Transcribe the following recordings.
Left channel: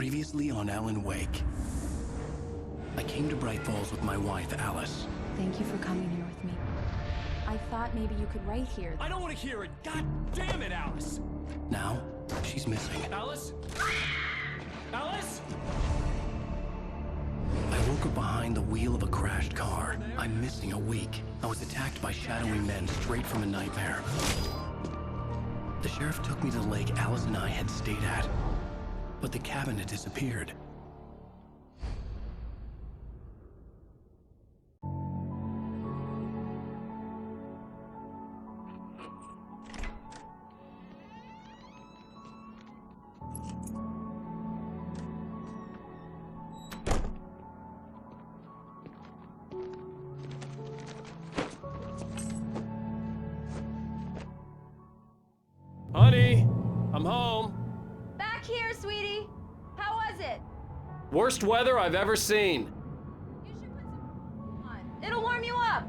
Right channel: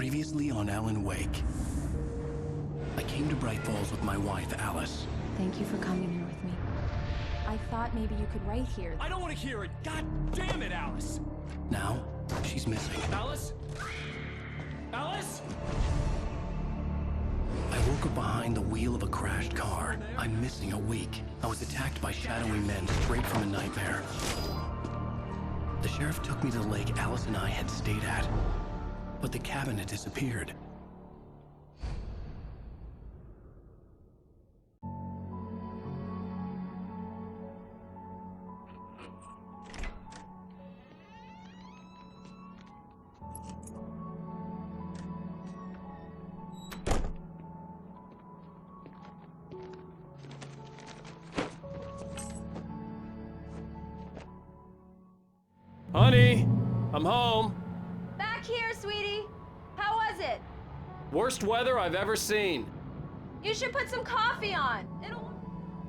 Previously on Alan Wake. I came to Bright Falls with my wife, Alice. Thank you for coming here with me. I thought maybe you could write here. I don't want to hear it! God damn it, Alice! Now, she's missing. Alice? Alice? I woke up behind the wheel of a crashed car. I'm missing a week. I was attacked by shadowy men straight from a nightmare. The sheriff took me to the lake Alice and I had stayed at, but the cabin had disappeared. Honey, I'm home. Back here, sweetie. How was it? Worst weather I've ever seen. You should put some coffee on. It'll warm you up.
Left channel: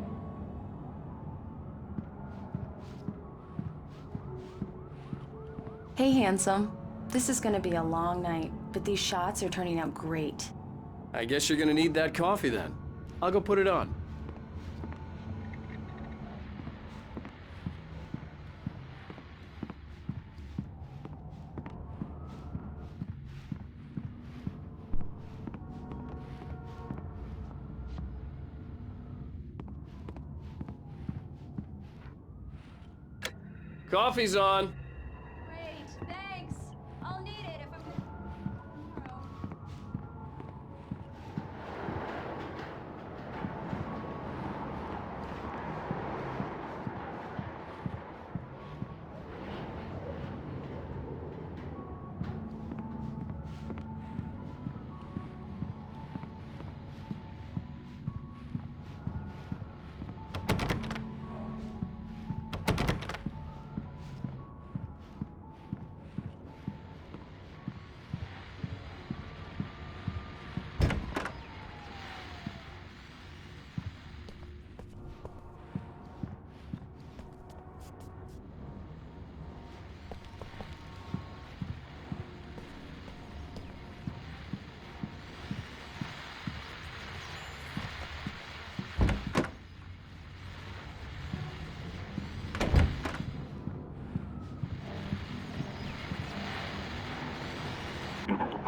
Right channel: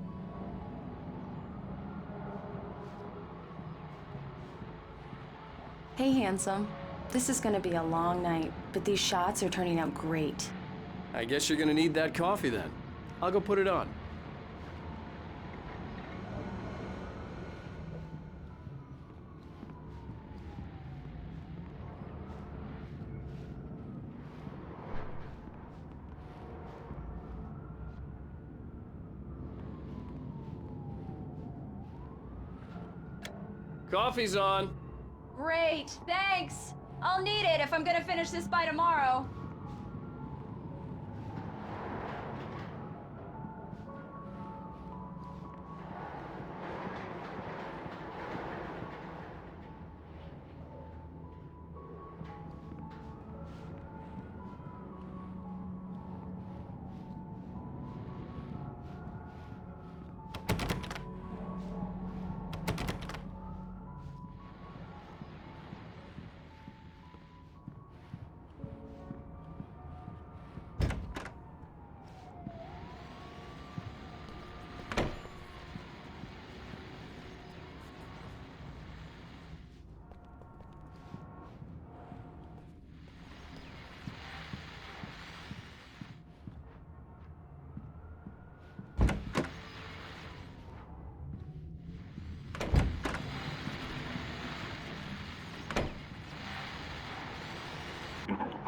Hey, handsome. This is gonna be a long night, but these shots are turning out great. I guess you're gonna need that coffee then. I'll go put it on. Coffee's on. Great, thanks. I'll need it if I'm gonna finish this by tomorrow.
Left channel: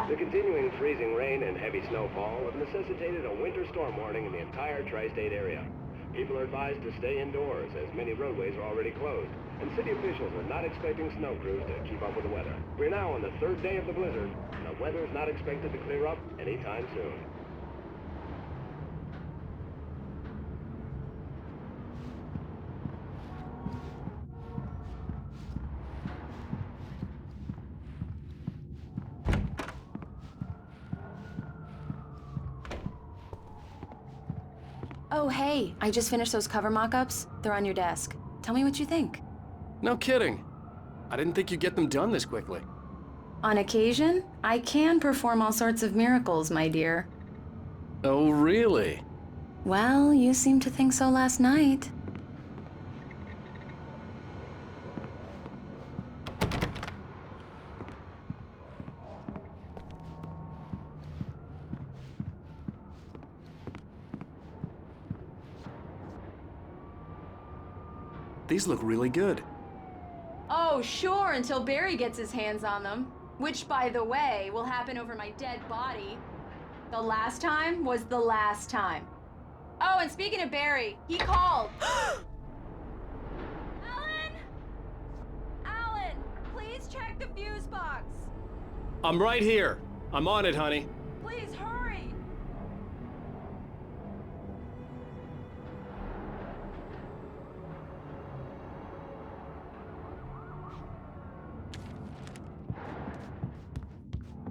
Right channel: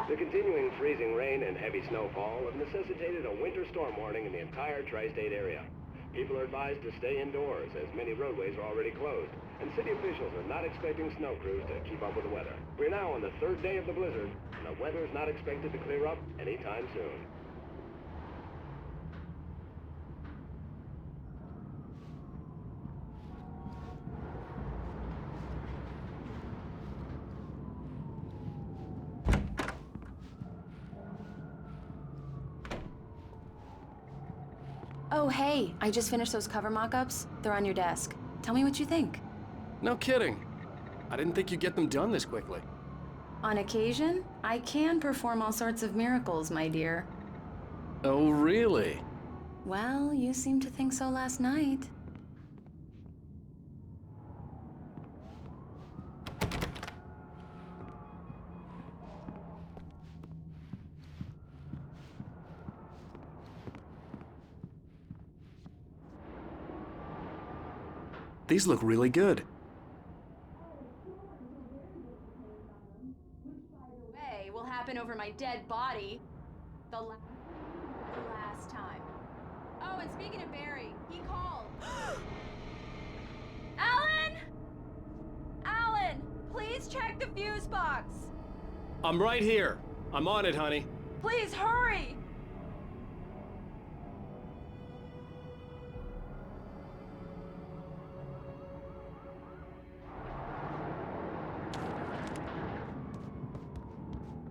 The continuing freezing rain and heavy snowfall have necessitated a winter storm warning in the entire tri-state area. People are advised to stay indoors as many roadways are already closed, and city officials are not expecting snow crews to keep up with the weather. We're now on the third day of the blizzard, and the weather is not expected to clear up anytime soon. Oh, hey, I just finished those cover mock-ups. They're on your desk. Tell me what you think. No kidding. I didn't think you'd get them done this quickly. On occasion, I can perform all sorts of miracles, my dear. Oh, really? Well, you seemed to think so last night. These look really good. Oh, sure, until Barry gets his hands on them. Which, by the way, will happen over my dead body. The last time was the last time. Oh, and speaking of Barry, he called. Alan! Alan, please check the fuse box. I'm right here. I'm on it, honey. Please hurry!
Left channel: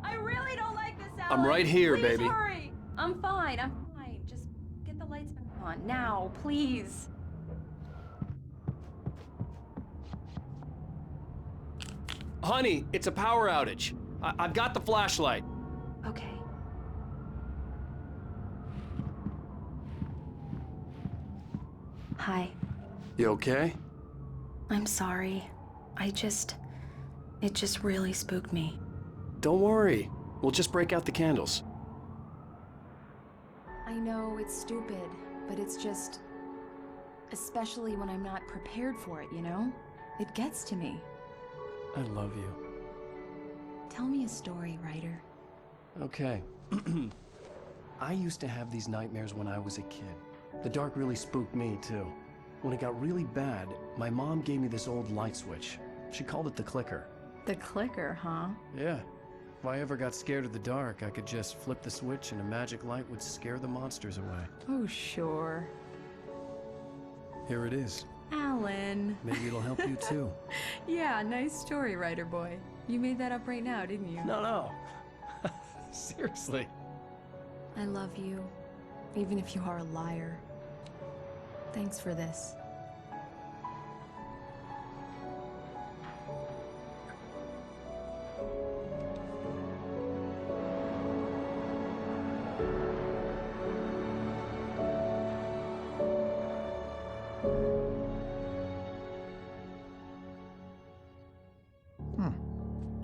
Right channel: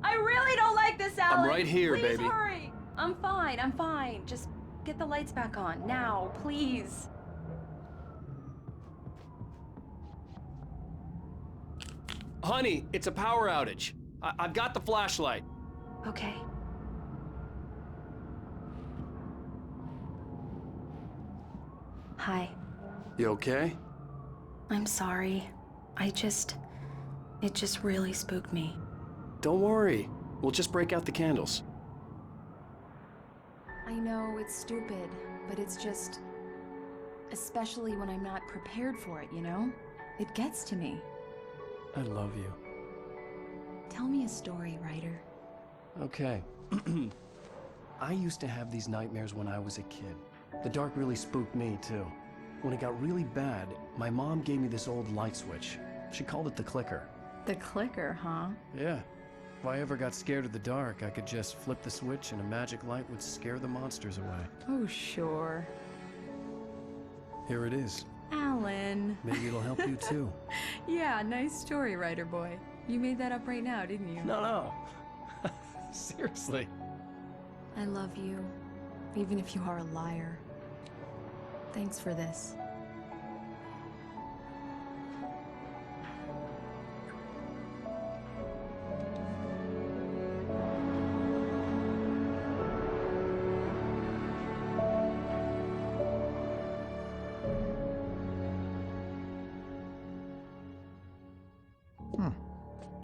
I really don't like this, Alan. I'm right here, please baby. Hurry. I'm fine. Just get the lights back on. Now, please. Honey, it's a power outage. I've got the flashlight. Okay. Hi. You okay? I'm sorry. It just really spooked me. Don't worry. We'll just break out the candles. I know it's stupid, but it's just... especially when I'm not prepared for it, you know? It gets to me. I love you. Tell me a story, writer. Okay. I used to have these nightmares when I was a kid. The dark really spooked me, too. When it got really bad, my mom gave me this old light switch. She called it the clicker. The clicker, huh? Yeah. If I ever got scared of the dark, I could just flip the switch and a magic light would scare the monsters away. Oh, sure. Here it is. Alan. Maybe it'll help you, too. Yeah, nice story, writer boy. You made that up right now, didn't you? No. Seriously. I love you, even if you are a liar. Thanks for this.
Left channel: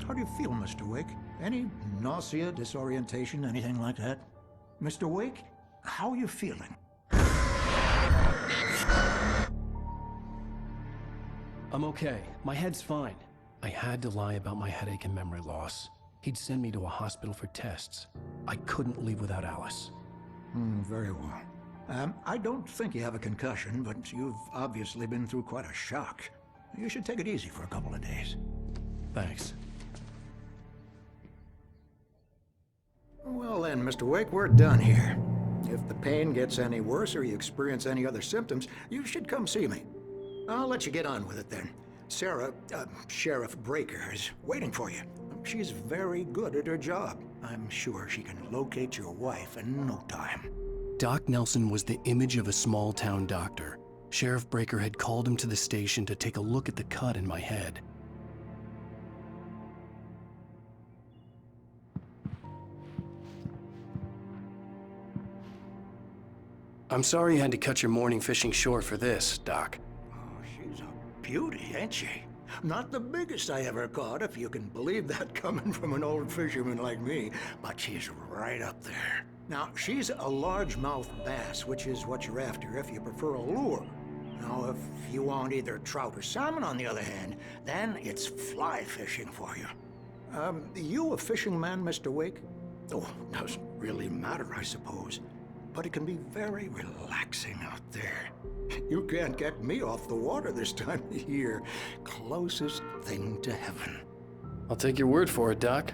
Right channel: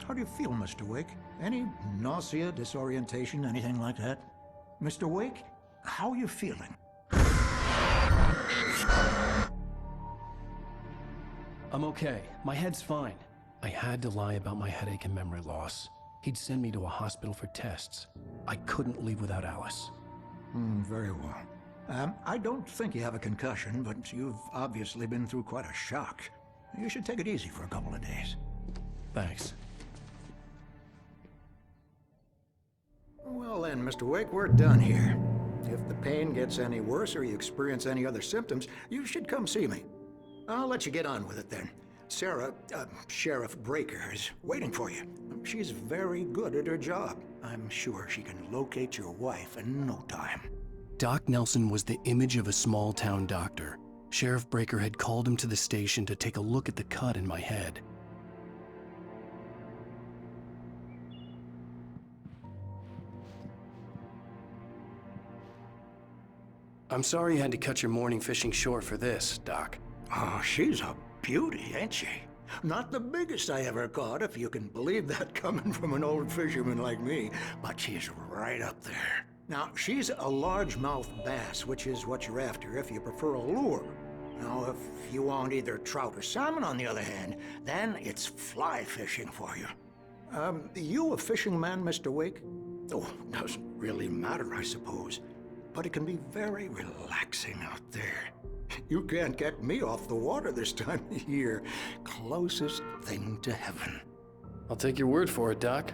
How do you feel, Mr. Wake? Any nausea, disorientation, anything like that? Mr. Wake, how are you feeling? I'm okay. My head's fine. I had to lie about my headache and memory loss. He'd send me to a hospital for tests. I couldn't leave without Alice. Very well. I don't think you have a concussion, but you've obviously been through quite a shock. You should take it easy for a couple of days. Thanks. Well then, Mr. Wake, we're done here. If the pain gets any worse or you experience any other symptoms, you should come see me. I'll let you get on with it then. Sarah, Sheriff Breaker, is waiting for you. She's very good at her job. I'm sure she can locate your wife in no time. Doc Nelson was the image of a small-town doctor. Sheriff Breaker had called him to the station to take a look at the cut in my head. I'm sorry you had to cut your morning fishing short for this, Doc. Oh, she's a beauty, ain't she? Not the biggest I ever caught, if you can believe that coming from an old fisherman like me, but she's right up there. Now, she's a largemouth bass, which is what you're after if you prefer a lure. Now, if you want either trout or salmon, on the other hand, then it's fly fishing for you. You a fishing man, Mr. Wake? Oh, doesn't really matter, I suppose. But it can be very relaxing out there. You can't get me off the water this time of year. Closest thing to heaven. I'll take your word for it, Doc.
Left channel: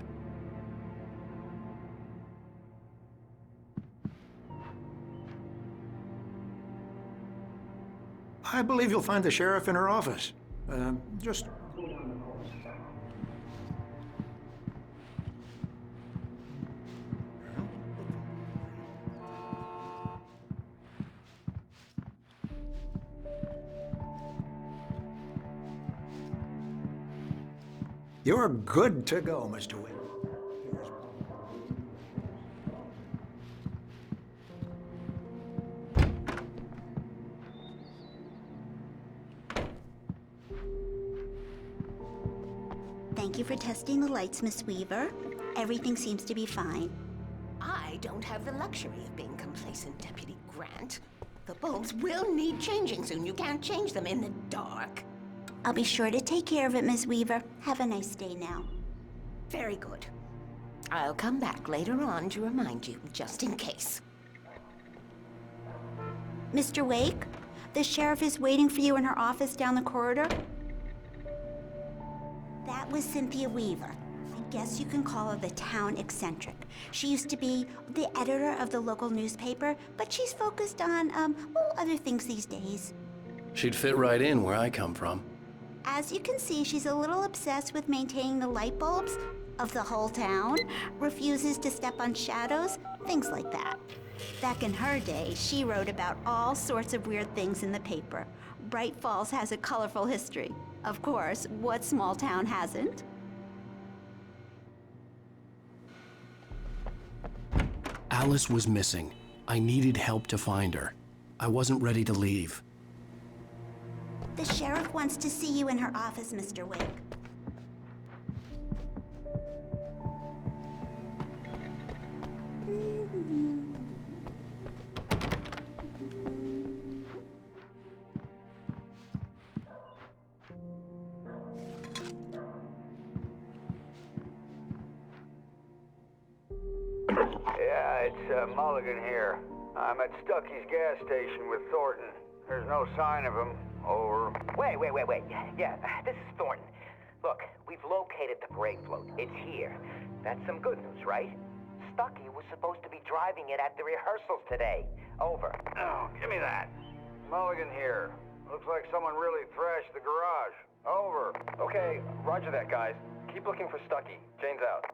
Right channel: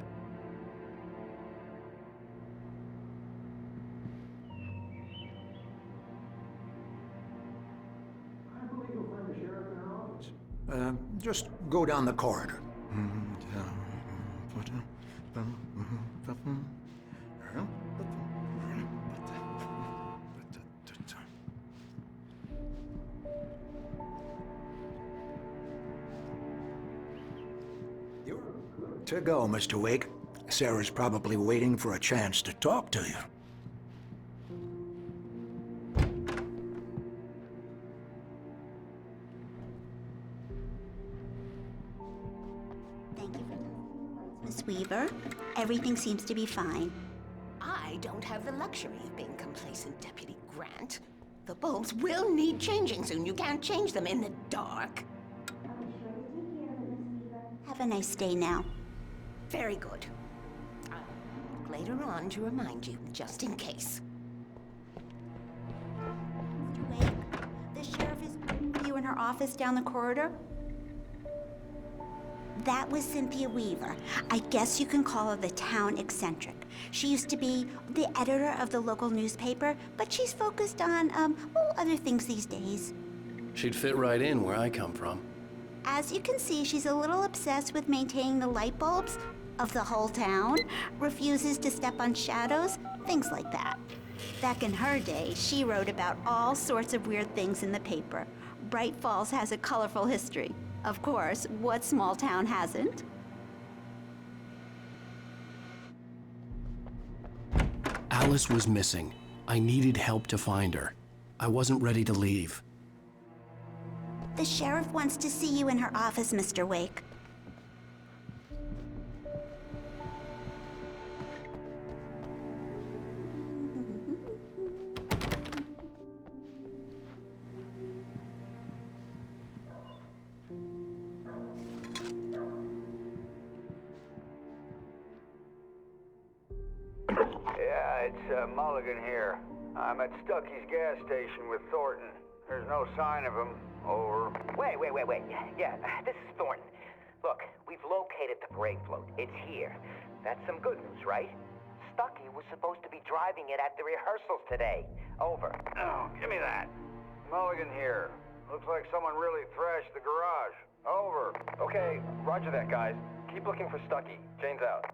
I believe you'll find the sheriff in her office. Just go down the corridor. You're good to go, Mr. Wake. Sarah's probably waiting for a chance to talk to you. Thank you for testing the lights, Miss Weaver. Everything seems to be fine. I don't have the luxury of being complacent, Deputy Grant. The bulbs will need changing soon. You can't change them in the dark. I'll be sure to take care of it, Miss Weaver. Have a nice day now. Very good. I'll come back later on to remind you, just in case. Mr. Wake, the sheriff is waiting for you in her office down the corridor. That was Cynthia Weaver. I guess you can call her the town eccentric. She used to be the editor of the local newspaper, but she's focused on, other things these days. She'd fit right in where I come from. As you can see, she's a little obsessed with maintaining the light bulbs of the whole town, refuses to step on shadows, things like that. Back in her day, she wrote about all sorts of weird things in the paper. Bright Falls has a colorful history. Of course, what small town hasn't? Alice was missing. I needed help to find her. I wasn't ready to leave. The sheriff wants to see you in her office, Mr. Wake. It's Mulligan here. I'm at Stucky's gas station with Thornton. There's no sign of him. Over. Wait. Yeah, this is Thornton. Look, we've located the brake float. It's here. That's some good news, right? Stucky was supposed to be driving it at the rehearsals today. Over. Oh, give me that. Mulligan here. Looks like someone really thrashed the garage. Over. Okay, roger that, guys. Keep looking for Stucky. Jane's out.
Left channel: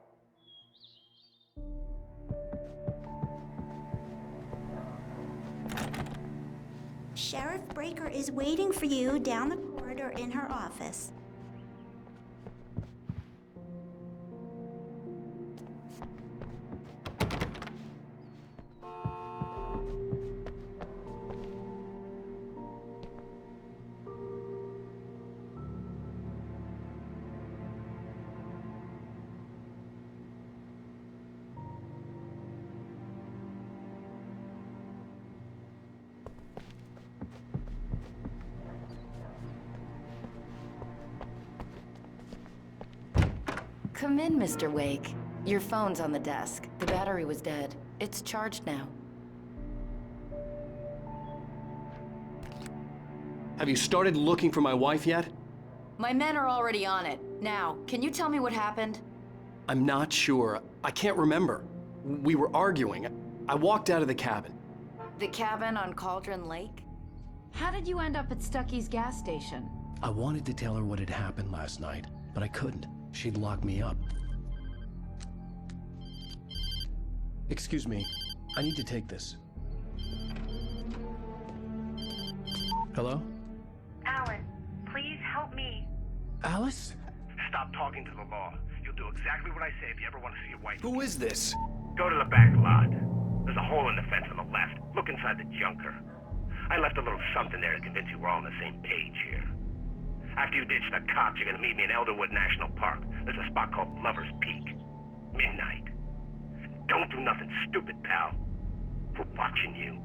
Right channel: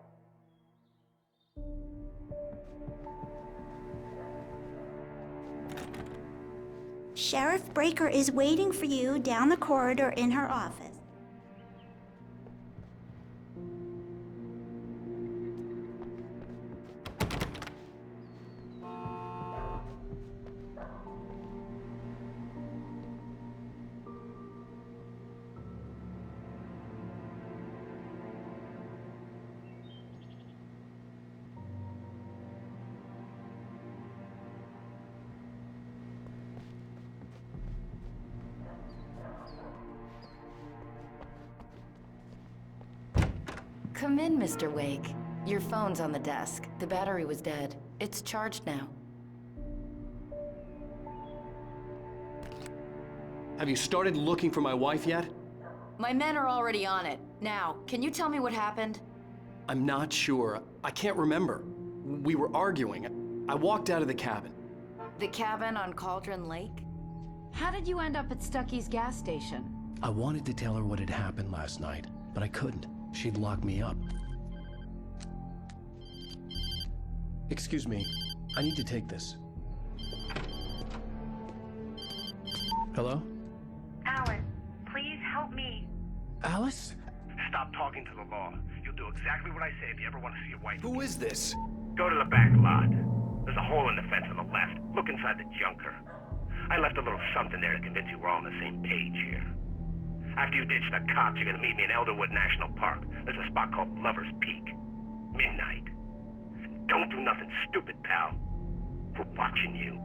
Sheriff Breaker is waiting for you down the corridor in her office. Come in, Mr. Wake. Your phone's on the desk. The battery was dead. It's charged now. Have you started looking for my wife yet? My men are already on it. Now, can you tell me what happened? I'm not sure. I can't remember. We were arguing. I walked out of the cabin. The cabin on Cauldron Lake? How did you end up at Stucky's gas station? I wanted to tell her what had happened last night, but I couldn't. She'd lock me up. Excuse me. I need to take this. Hello? Alan, please help me. Alice? Stop talking to the law. You'll do exactly what I say if you ever want to see your wife. Who is this? Go to the back lot. There's a hole in the fence on the left. Look inside the junker. I left a little something there to convince you we're all on the same page here. After you ditch the cops, you're gonna meet me in Elderwood National Park. There's a spot called Lover's Peak. Midnight. Don't do nothing stupid, pal. We're watching you.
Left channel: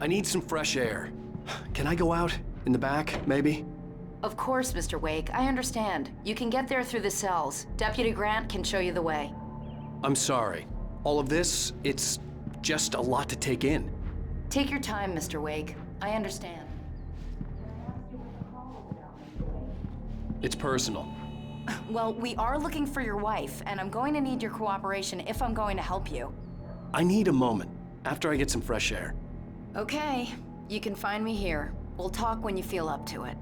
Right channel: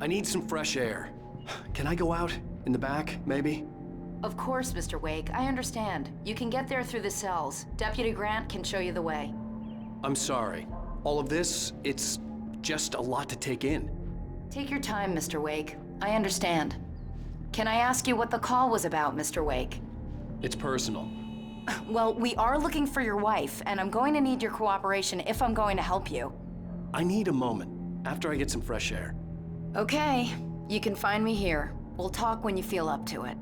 I need some fresh air. Can I go out? In the back, maybe? Of course, Mr. Wake. I understand. You can get there through the cells. Deputy Grant can show you the way. I'm sorry. All of this, it's just a lot to take in. Take your time, Mr. Wake. I understand. Can I ask you what the call was about, Mr. Wake? It's personal. Well, we are looking for your wife, and I'm going to need your cooperation if I'm going to help you. I need a moment, after I get some fresh air. Okay, you can find me here. We'll talk when you feel up to it.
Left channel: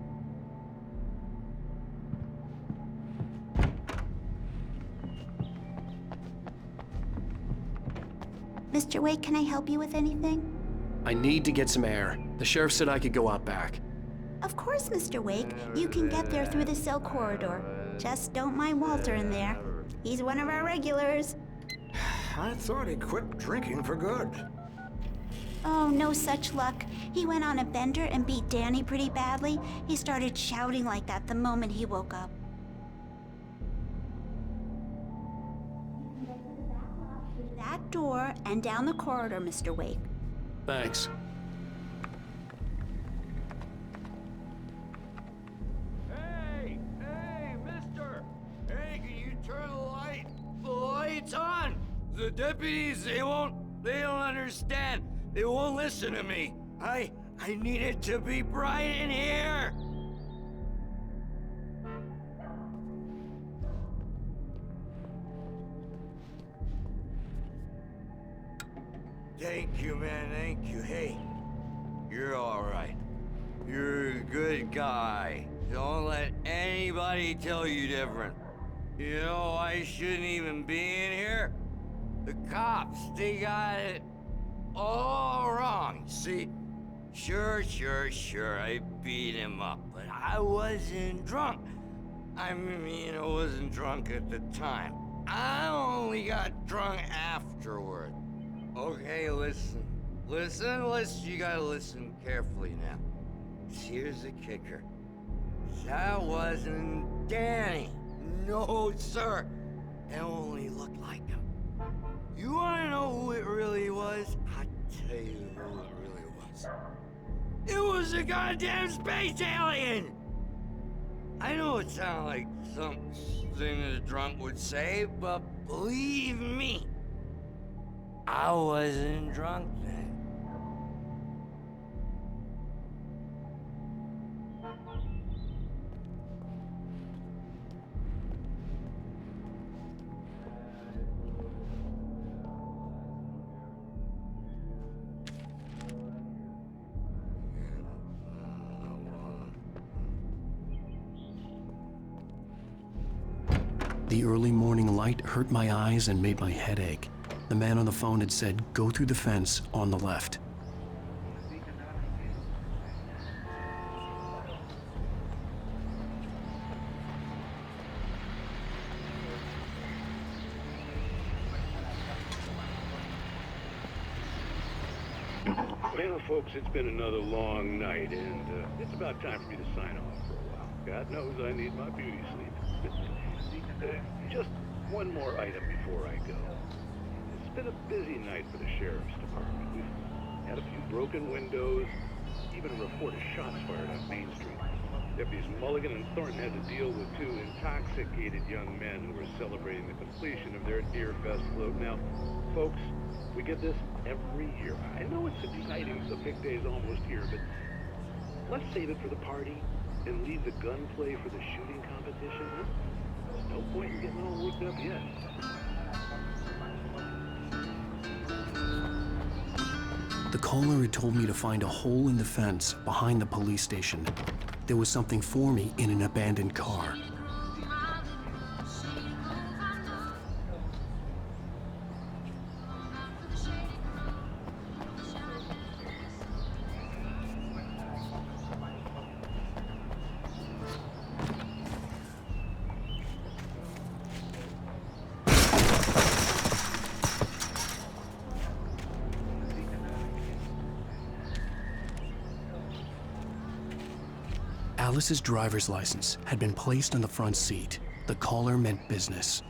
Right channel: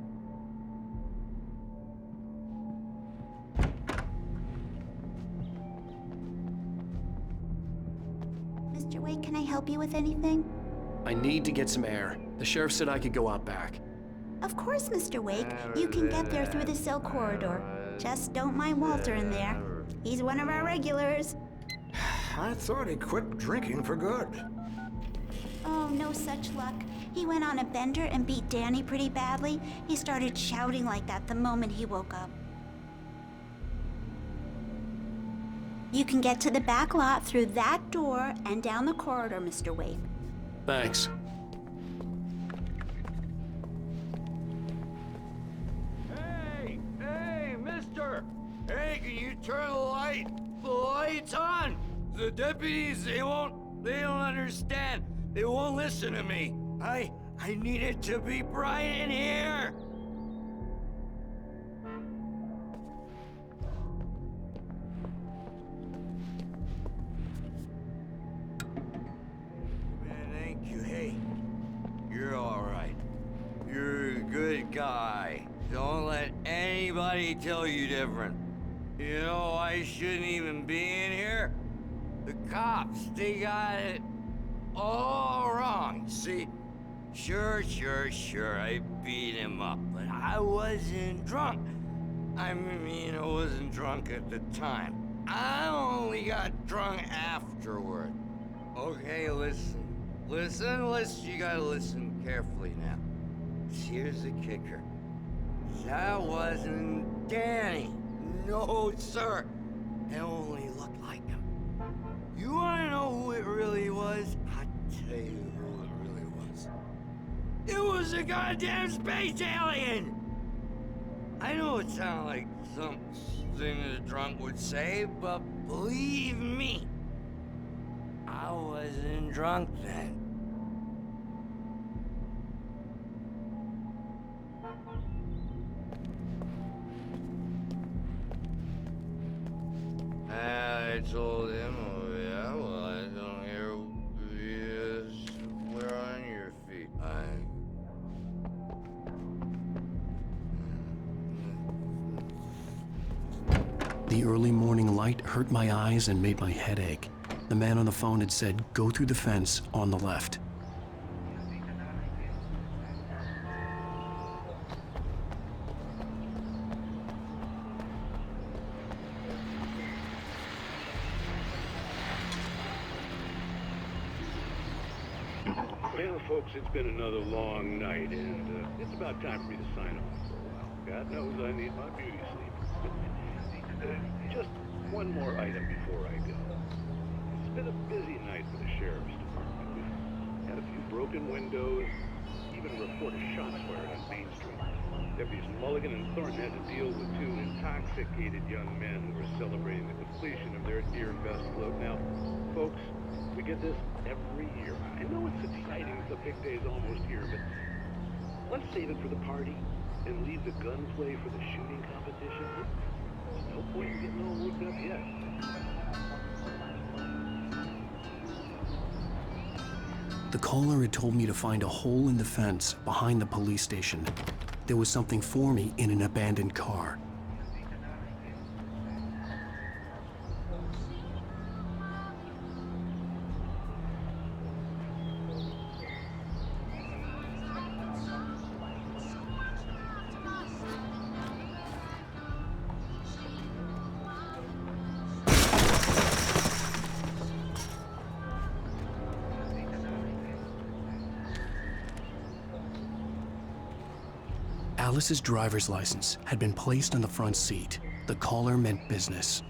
Mr. Wake, can I help you with anything? I need to get some air. The sheriff said I could go out back. Of course, Mr. Wake. You can get there through the cell corridor. Just don't mind Walter in there. He's one of our regulars. I thought he quit drinking for good. Oh, no such luck. He went on a bender and beat Danny pretty badly. He started shouting like that the moment he woke up. You can get to the back lot through that door and down the corridor, Mr. Wake. Thanks. Hey, mister! Hey, can you turn the lights on? The deputies, they don't understand. They won't listen to me. I need it to be bright in here. Thank you, man, thank you. Hey, you're all right. You're a good guy. Don't let anybody tell you different. You know, I shouldn't even be in here. The cops, they got it all wrong. See, sure, I beat him up, but I wasn't drunk. I mean, I wasn't drunk at the time. I only got drunk afterward. Okay, listen, you gotta listen carefully now. Here's the kicker. That wasn't Danny. No, sir. It only looked like him. You wanna know who it really was? I'll tell you who it really was. It was a goddamn space alien! I know it sounds like something a drunk would say, but believe me, I wasn't drunk then. I told him, oh yeah, well, I don't hear you. We're on your feet. The early morning light hurt my eyes and made my head ache. The man on the phone had said, go through the fence on the left. Well, folks, it's been another long night, and it's about time for me to sign off for a while. God knows I need my beauty sleep. Just one more item before I go. It's been a busy night for the sheriff's department. We've had a few broken windows, even a report of shots fired on Main Street. Deputies Mulligan and Thornton had to deal with two intoxicated young men who were celebrating the completion of their Deerfest float. Now, folks, we get this every year. I know it's exciting, the big day's almost here, but let's save it for the party and leave the gunplay for the shooting competition, huh? There's no point in getting all worked up yet. The caller had told me to find a hole in the fence behind the police station. There was something for me in an abandoned car. Alice's driver's license had been placed on the front seat. The caller meant business.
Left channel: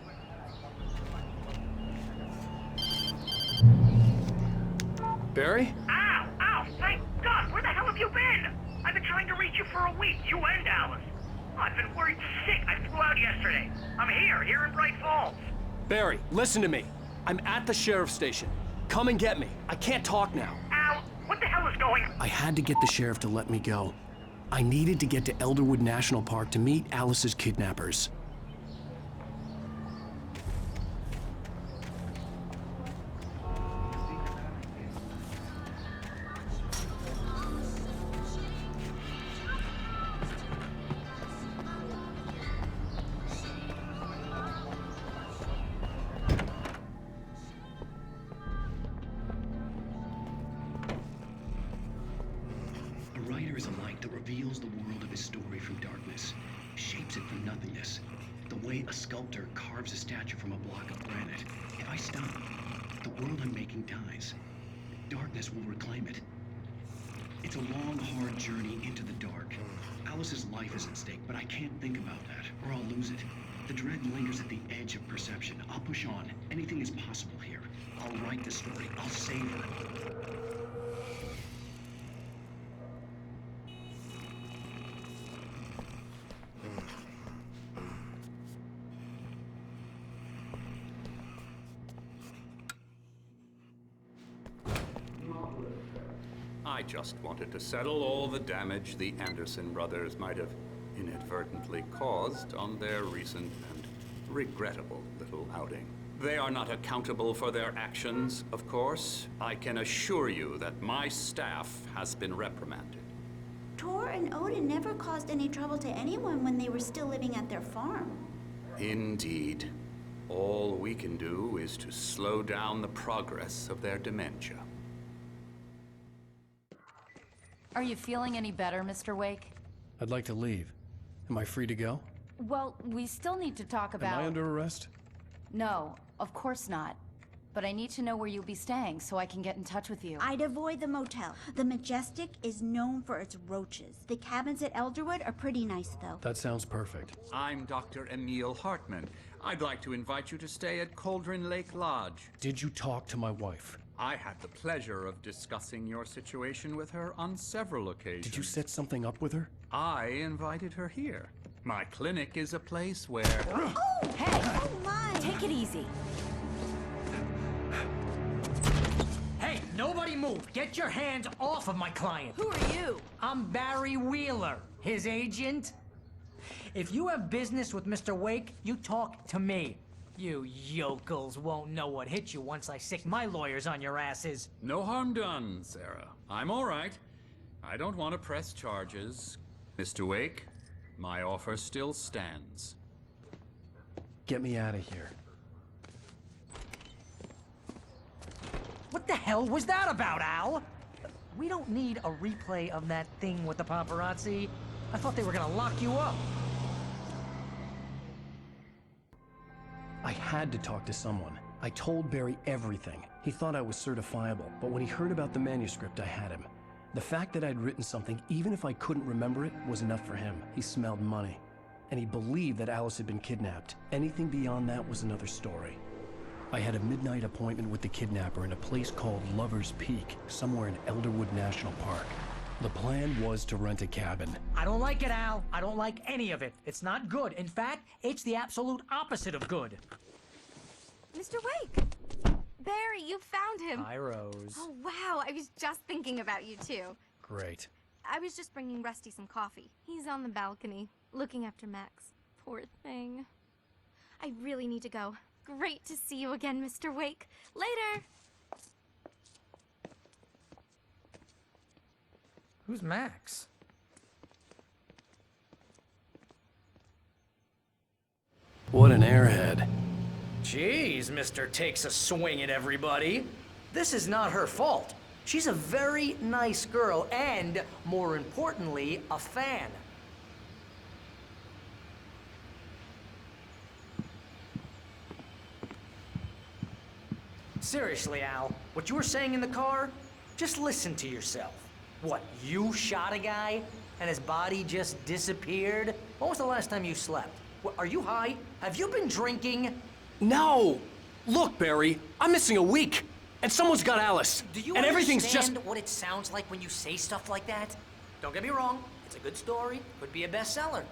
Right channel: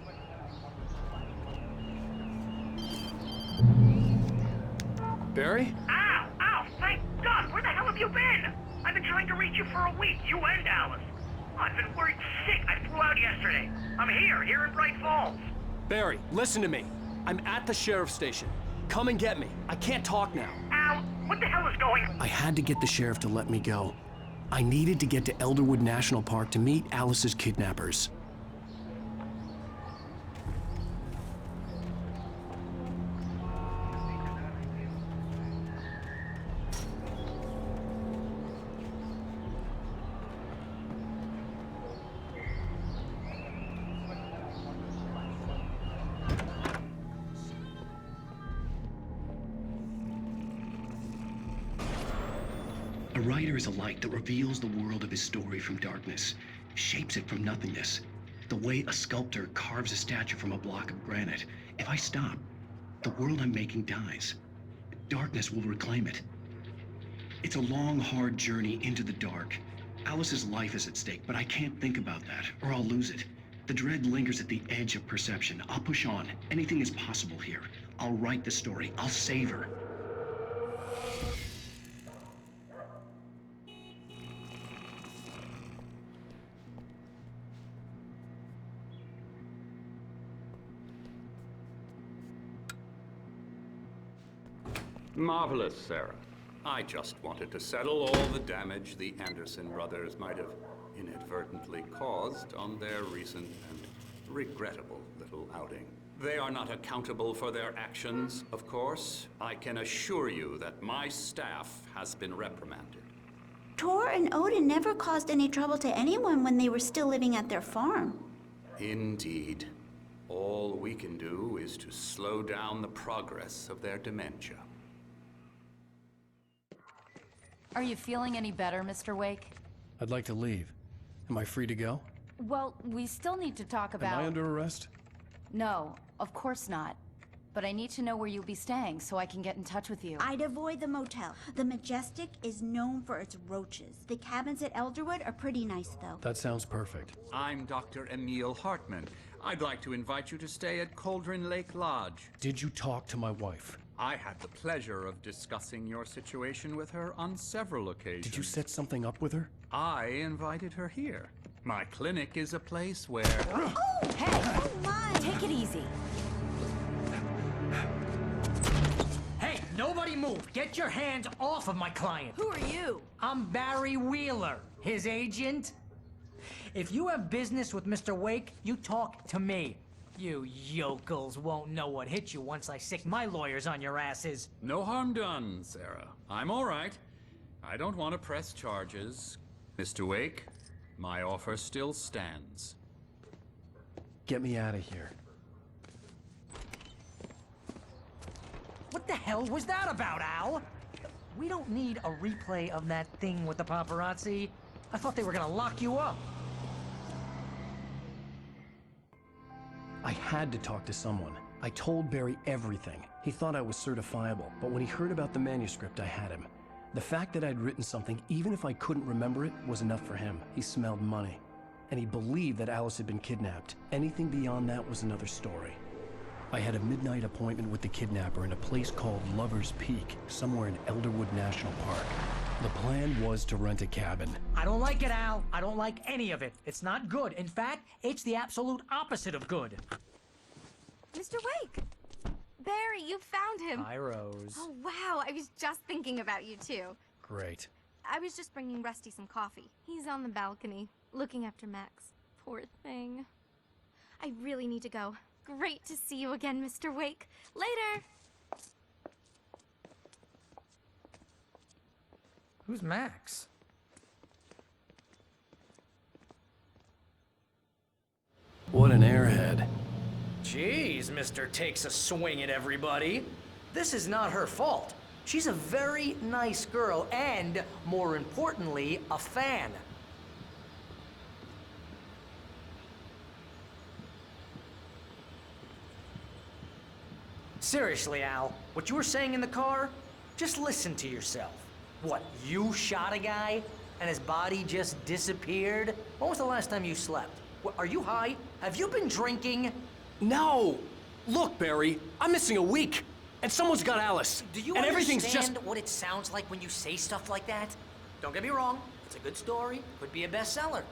Barry? Ow! Ow! Thank God! Where the hell have you been? I've been trying to reach you for a week, you and Alice. Oh, I've been worried sick. I flew out yesterday. I'm here in Bright Falls. Barry, listen to me. I'm at the sheriff's station. Come and get me. I can't talk now. Al, what the hell is going on? I had to get the sheriff to let me go. I needed to get to Elderwood National Park to meet Alice's kidnappers. A writer is a light that reveals the world of his story from darkness, shapes it from nothingness. The way a sculptor carves a statue from a block of granite. If I stop, the world I'm making dies. Darkness will reclaim it. It's a long, hard journey into the dark. Alice's life is at stake, but I can't think about that, or I'll lose it. The dread lingers at the edge of perception. I'll push on. Anything is possible here. I'll write the story. I'll save her. Marvelous, Sarah. I just wanted to settle all the damage the Anderson brothers might have inadvertently caused on their recent and regrettable little outing. They are not accountable for their actions, of course. I can assure you that my staff has been reprimanded. Tor and Odin never caused any trouble to anyone when they were still living at their farm. Indeed. All we can do is to slow down the progress of their dementia. Are you feeling any better, Mr. Wake? I'd like to leave. Am I free to go? Well, we still need to talk about... Am I under arrest? No, of course not. But I need to know where you'll be staying so I can get in touch with you. I'd avoid the motel. The Majestic is known for its roaches. The cabins at Elderwood are pretty nice, though. That sounds perfect. I'm Dr. Emil Hartman. I'd like to invite you to stay at Cauldron Lake Lodge. Did you talk to my wife? I had the pleasure of discussing your situation with her on several occasions. Did you set something up with her? I invited her here. My clinic is a place where... Oh, hey! Oh, my! Take it easy. Hey, nobody move! Get your hands off of my client! Who are you? I'm Barry Wheeler, his agent. If you have business with Mr. Wake, you talk to me. You yokels won't know what hit you once I sick my lawyers on your asses. No harm done, Sarah. I'm all right. I don't want to press charges. Mr. Wake, my offer still stands. Get me out of here. What the hell was that about, Al? We don't need a replay of that thing with the paparazzi. I thought they were gonna lock you up. I had to talk to someone. I told Barry everything. He thought I was certifiable, but when he heard about the manuscript, I had him. The fact that I'd written something, even if I couldn't remember it, was enough for him. He smelled money. And he believed that Alice had been kidnapped. Anything beyond that was another story. I had a midnight appointment with the kidnapper in a place called Lover's Peak, somewhere in Elderwood National Park. The plan was to rent a cabin. I don't like it, Al. I don't like any of it. It's not good. In fact, it's the absolute opposite of good. Mr. Wake! Barry, you found him! Hi, Rose. Oh, wow. I was just thinking about you, too. Great. I was just bringing Rusty some coffee. He's on the balcony, looking after Max. Poor thing. I really need to go. Great to see you again, Mr. Wake. Later! Who's Max? What an airhead. Jeez, Mr. Takes a swing at everybody. This is not her fault. She's a very nice girl and, more importantly, a fan. Seriously, Al, what you were saying in the car? Just listen to yourself. What, you shot a guy and his body just disappeared? When was the last time you slept? What, are you high? Have you been drinking? No! Look, Barry, I'm missing a week, and someone's got Alice. Do you and everything's understand just... what it sounds like when you say stuff like that? Don't get me wrong, it's a good story, could be a bestseller.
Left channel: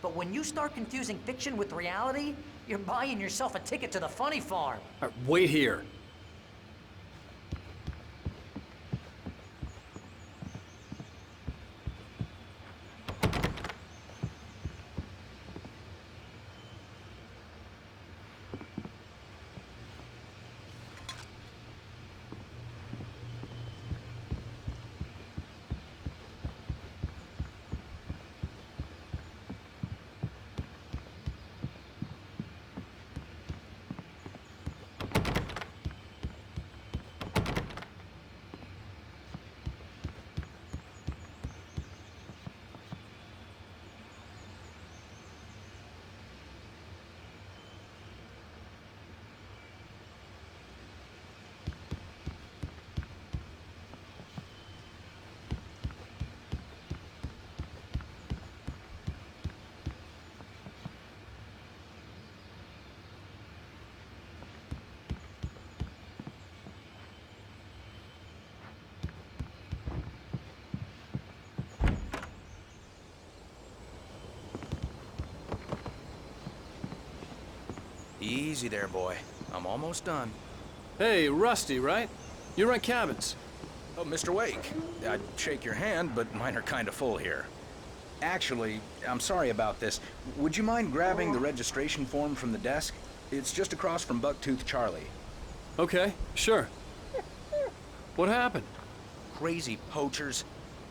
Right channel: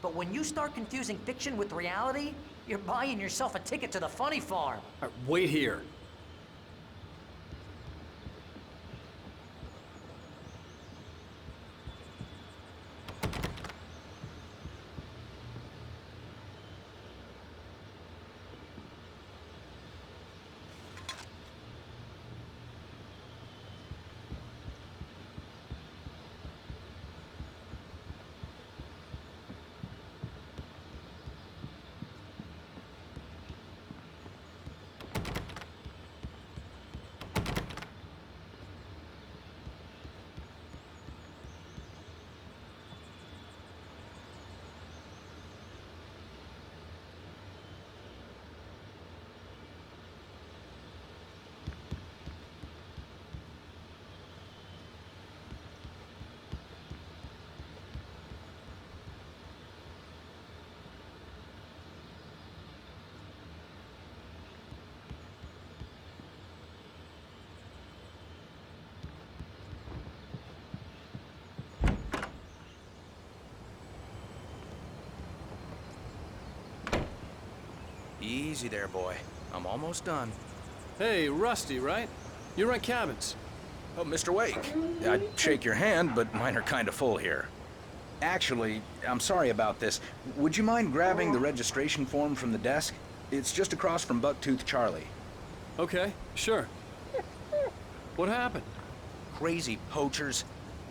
But when you start confusing fiction with reality, you're buying yourself a ticket to the funny farm. All right, wait here. Easy there, boy. I'm almost done. Hey, Rusty, right? You rent cabins. Oh, Mr. Wake. I'd shake your hand, but mine are kind of full here. Actually, I'm sorry about this. Would you mind grabbing the registration form from the desk? It's just across from Bucktooth Charlie. Okay, sure. What happened? Crazy poachers.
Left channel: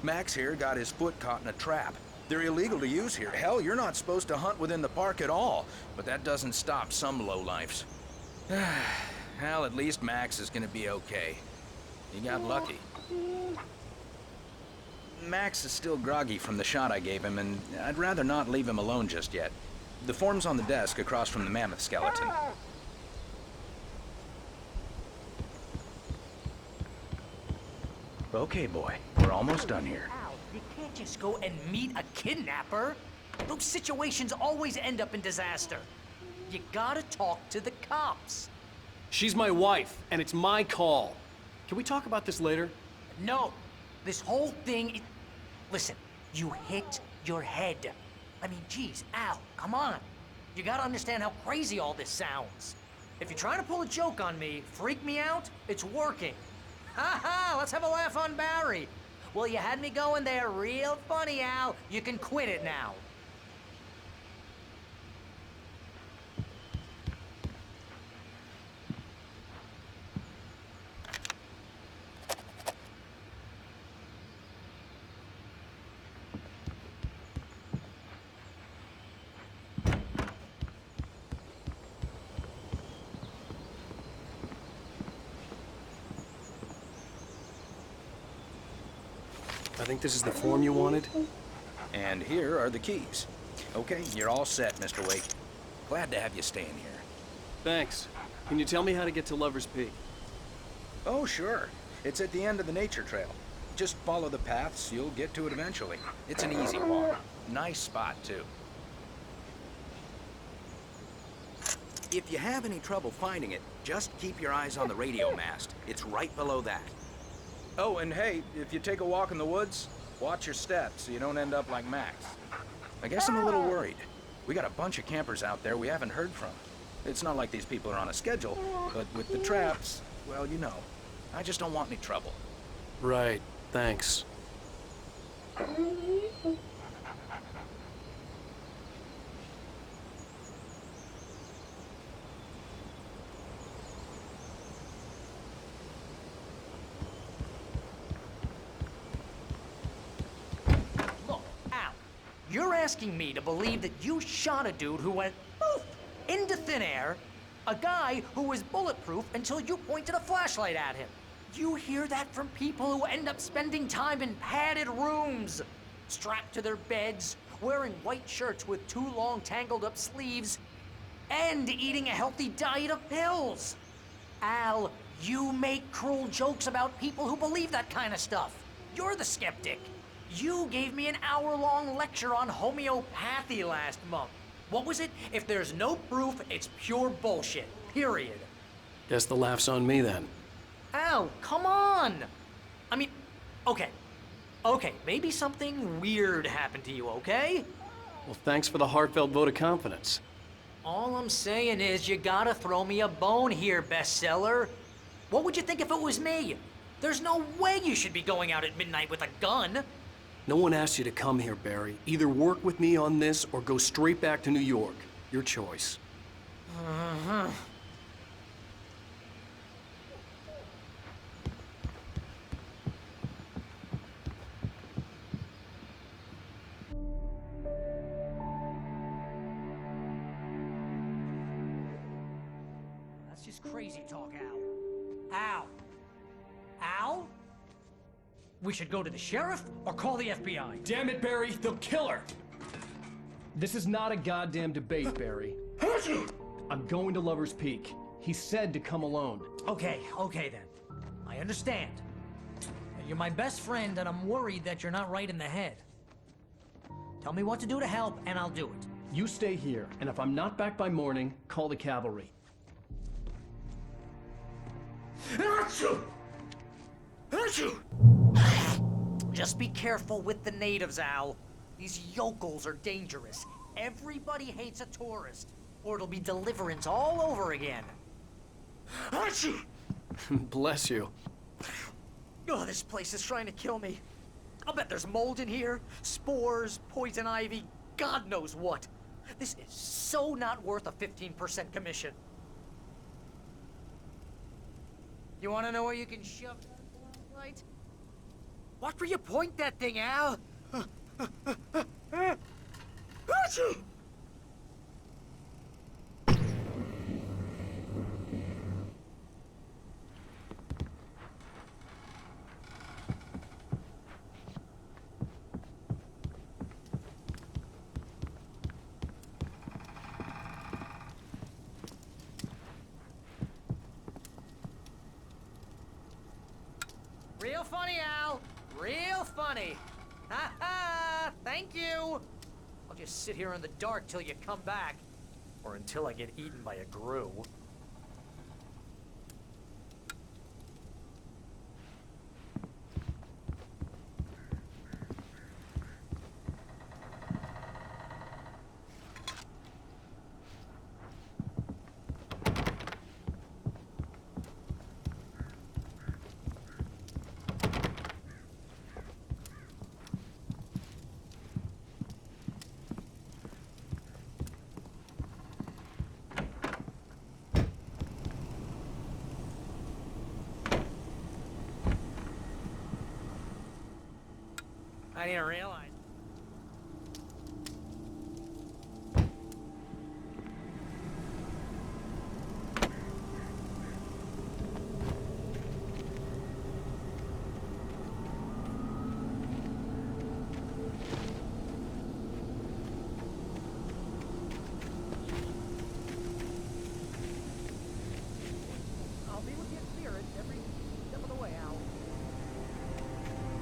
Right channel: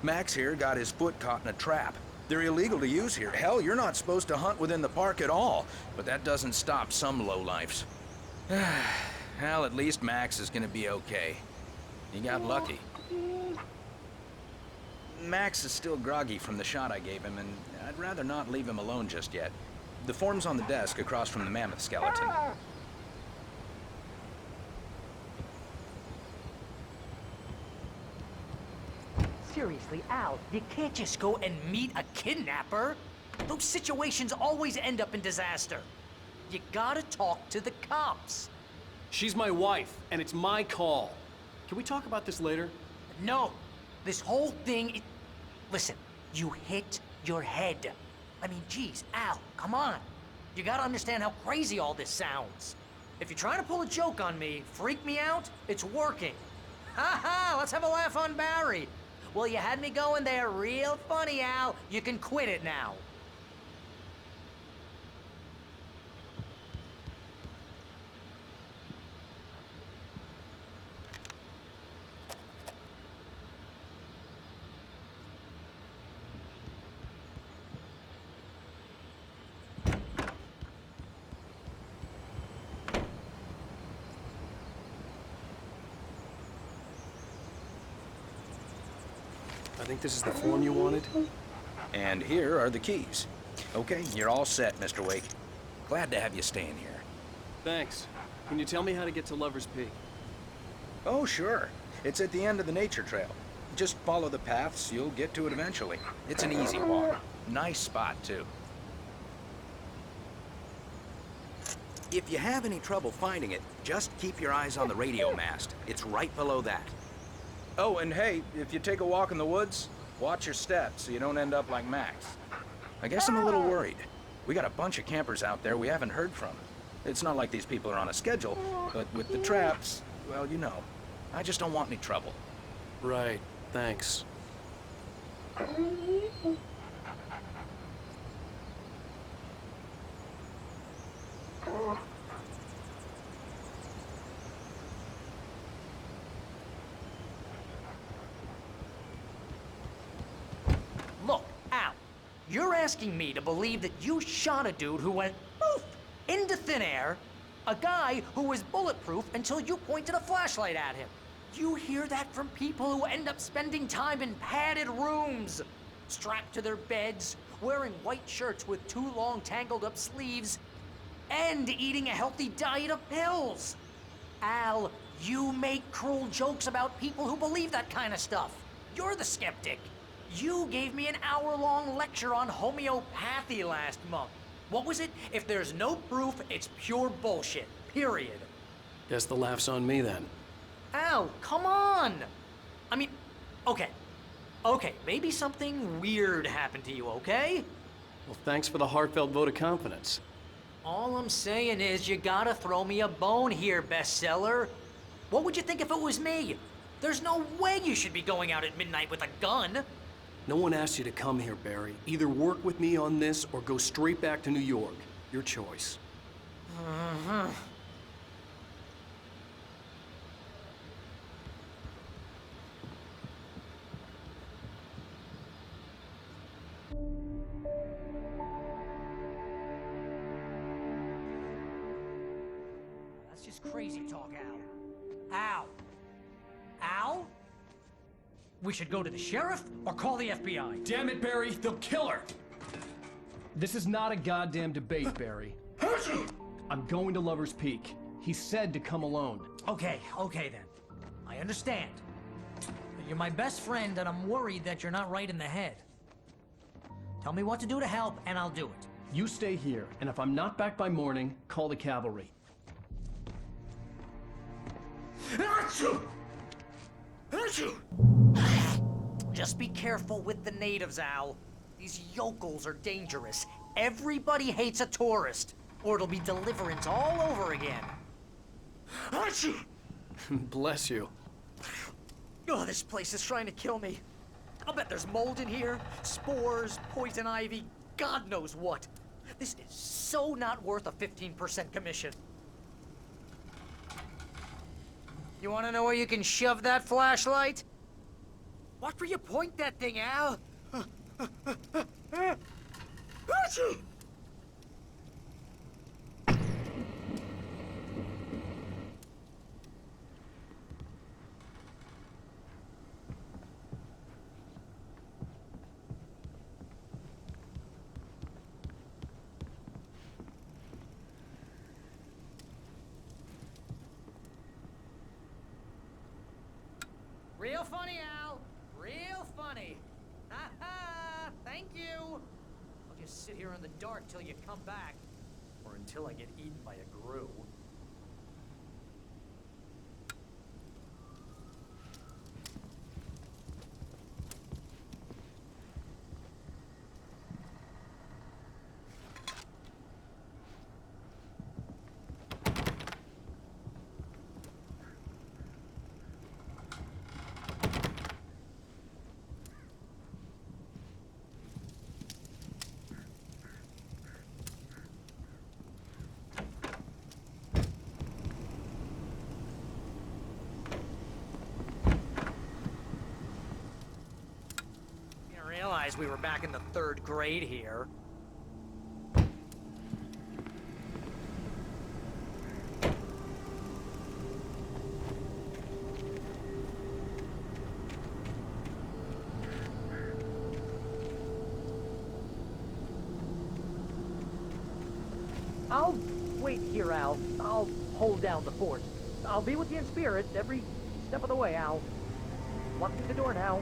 Max here got his foot caught in a trap. They're illegal to use here. Hell, you're not supposed to hunt within the park at all. But that doesn't stop some lowlifes. Well, at least Max is gonna be okay. He got lucky. Max is still groggy from the shot I gave him, and I'd rather not leave him alone just yet. The form's on the desk across from the mammoth skeleton. Okay, boy. We're almost done here. Al, you can't just go and meet a kidnapper. Those situations always end up in disaster. You gotta talk to the cops. She's my wife, and it's my call. Can we talk about this later? No. This whole thing... Listen, you hit your head. I mean, geez, Al, come on. You gotta understand how crazy all this sounds. If you're trying to pull a joke on me, freak me out, it's working. Ha ha, let's have a laugh on Barry. Well, you had me going there real funny, Al. You can quit it now. I think this is the form you wanted. And here are the keys. Okay, you're all set, Mr. Wake. Glad to have you staying here. Thanks. Can you tell me how to get to Lover's Peak? Oh, sure. It's at the end of the nature trail. Just follow the paths, you'll get to it eventually. It's an easy walk. Nice spot, too. If you have any trouble finding it, just keep your eyes on the radio mast. It's right below that. Oh, and hey, if you take a walk in the woods, watch your steps so you don't end up like Max. I guess I'm a little worried. We got a bunch of campers out there we haven't heard from. It's not like these people are on a schedule, but with the traps, well, you know. I just don't want any trouble. Right, thanks. Look, Al, you're asking me to believe that you shot a dude who went poof into thin air, a guy who was bulletproof until you pointed a flashlight at him. You hear that from people who end up spending time in padded rooms, strapped to their beds, wearing white shirts with too long tangled up sleeves, and eating a healthy diet of pills. Al, you make cruel jokes about people who believe that kind of stuff. You're the skeptic. You gave me an hour-long lecture on homeopathy last month. What was it? If there's no proof, it's pure bullshit. Period. Guess the laugh's on me then. Al, come on! I mean, okay. Okay, maybe something weird happened to you, okay? Well, thanks for the heartfelt vote of confidence. All I'm saying is you gotta throw me a bone here, bestseller. What would you think if it was me? There's no way you should be going out at midnight with a gun. No one asked you to come here, Barry. Either work with me on this or go straight back to New York. Your choice. That's just crazy talk, Al. Al? Al? We should go to the sheriff or call the FBI. Damn it, Barry, they'll kill her! This is not a goddamn debate, Barry. I'm going to Lover's Peak. He said to come alone. Okay then. I understand. You're my best friend, and I'm worried that you're not right in the head. Tell me what to do to help, and I'll do it. You stay here, and if I'm not back by morning, call the cavalry. Just be careful with the natives, Al. These yokels are dangerous. Everybody hates a tourist, or it'll be Deliverance all over again. Bless you. Oh, this place is trying to kill me. I'll bet there's mold in here, spores, poison ivy, God knows what. This is so not worth a 15% commission. You want to know where you can shove that flashlight? Watch where you point that thing, Al. Real funny, Al. Real funny. Ha ha! Thank you! I'll just sit here in the dark till you come back. Or until I get eaten by a grue. didn't realize we were back in the 3rd grade here. I'll wait here, Al. I'll hold down the fort. I'll be with you in spirit every step of the way, Al. Locking the door now.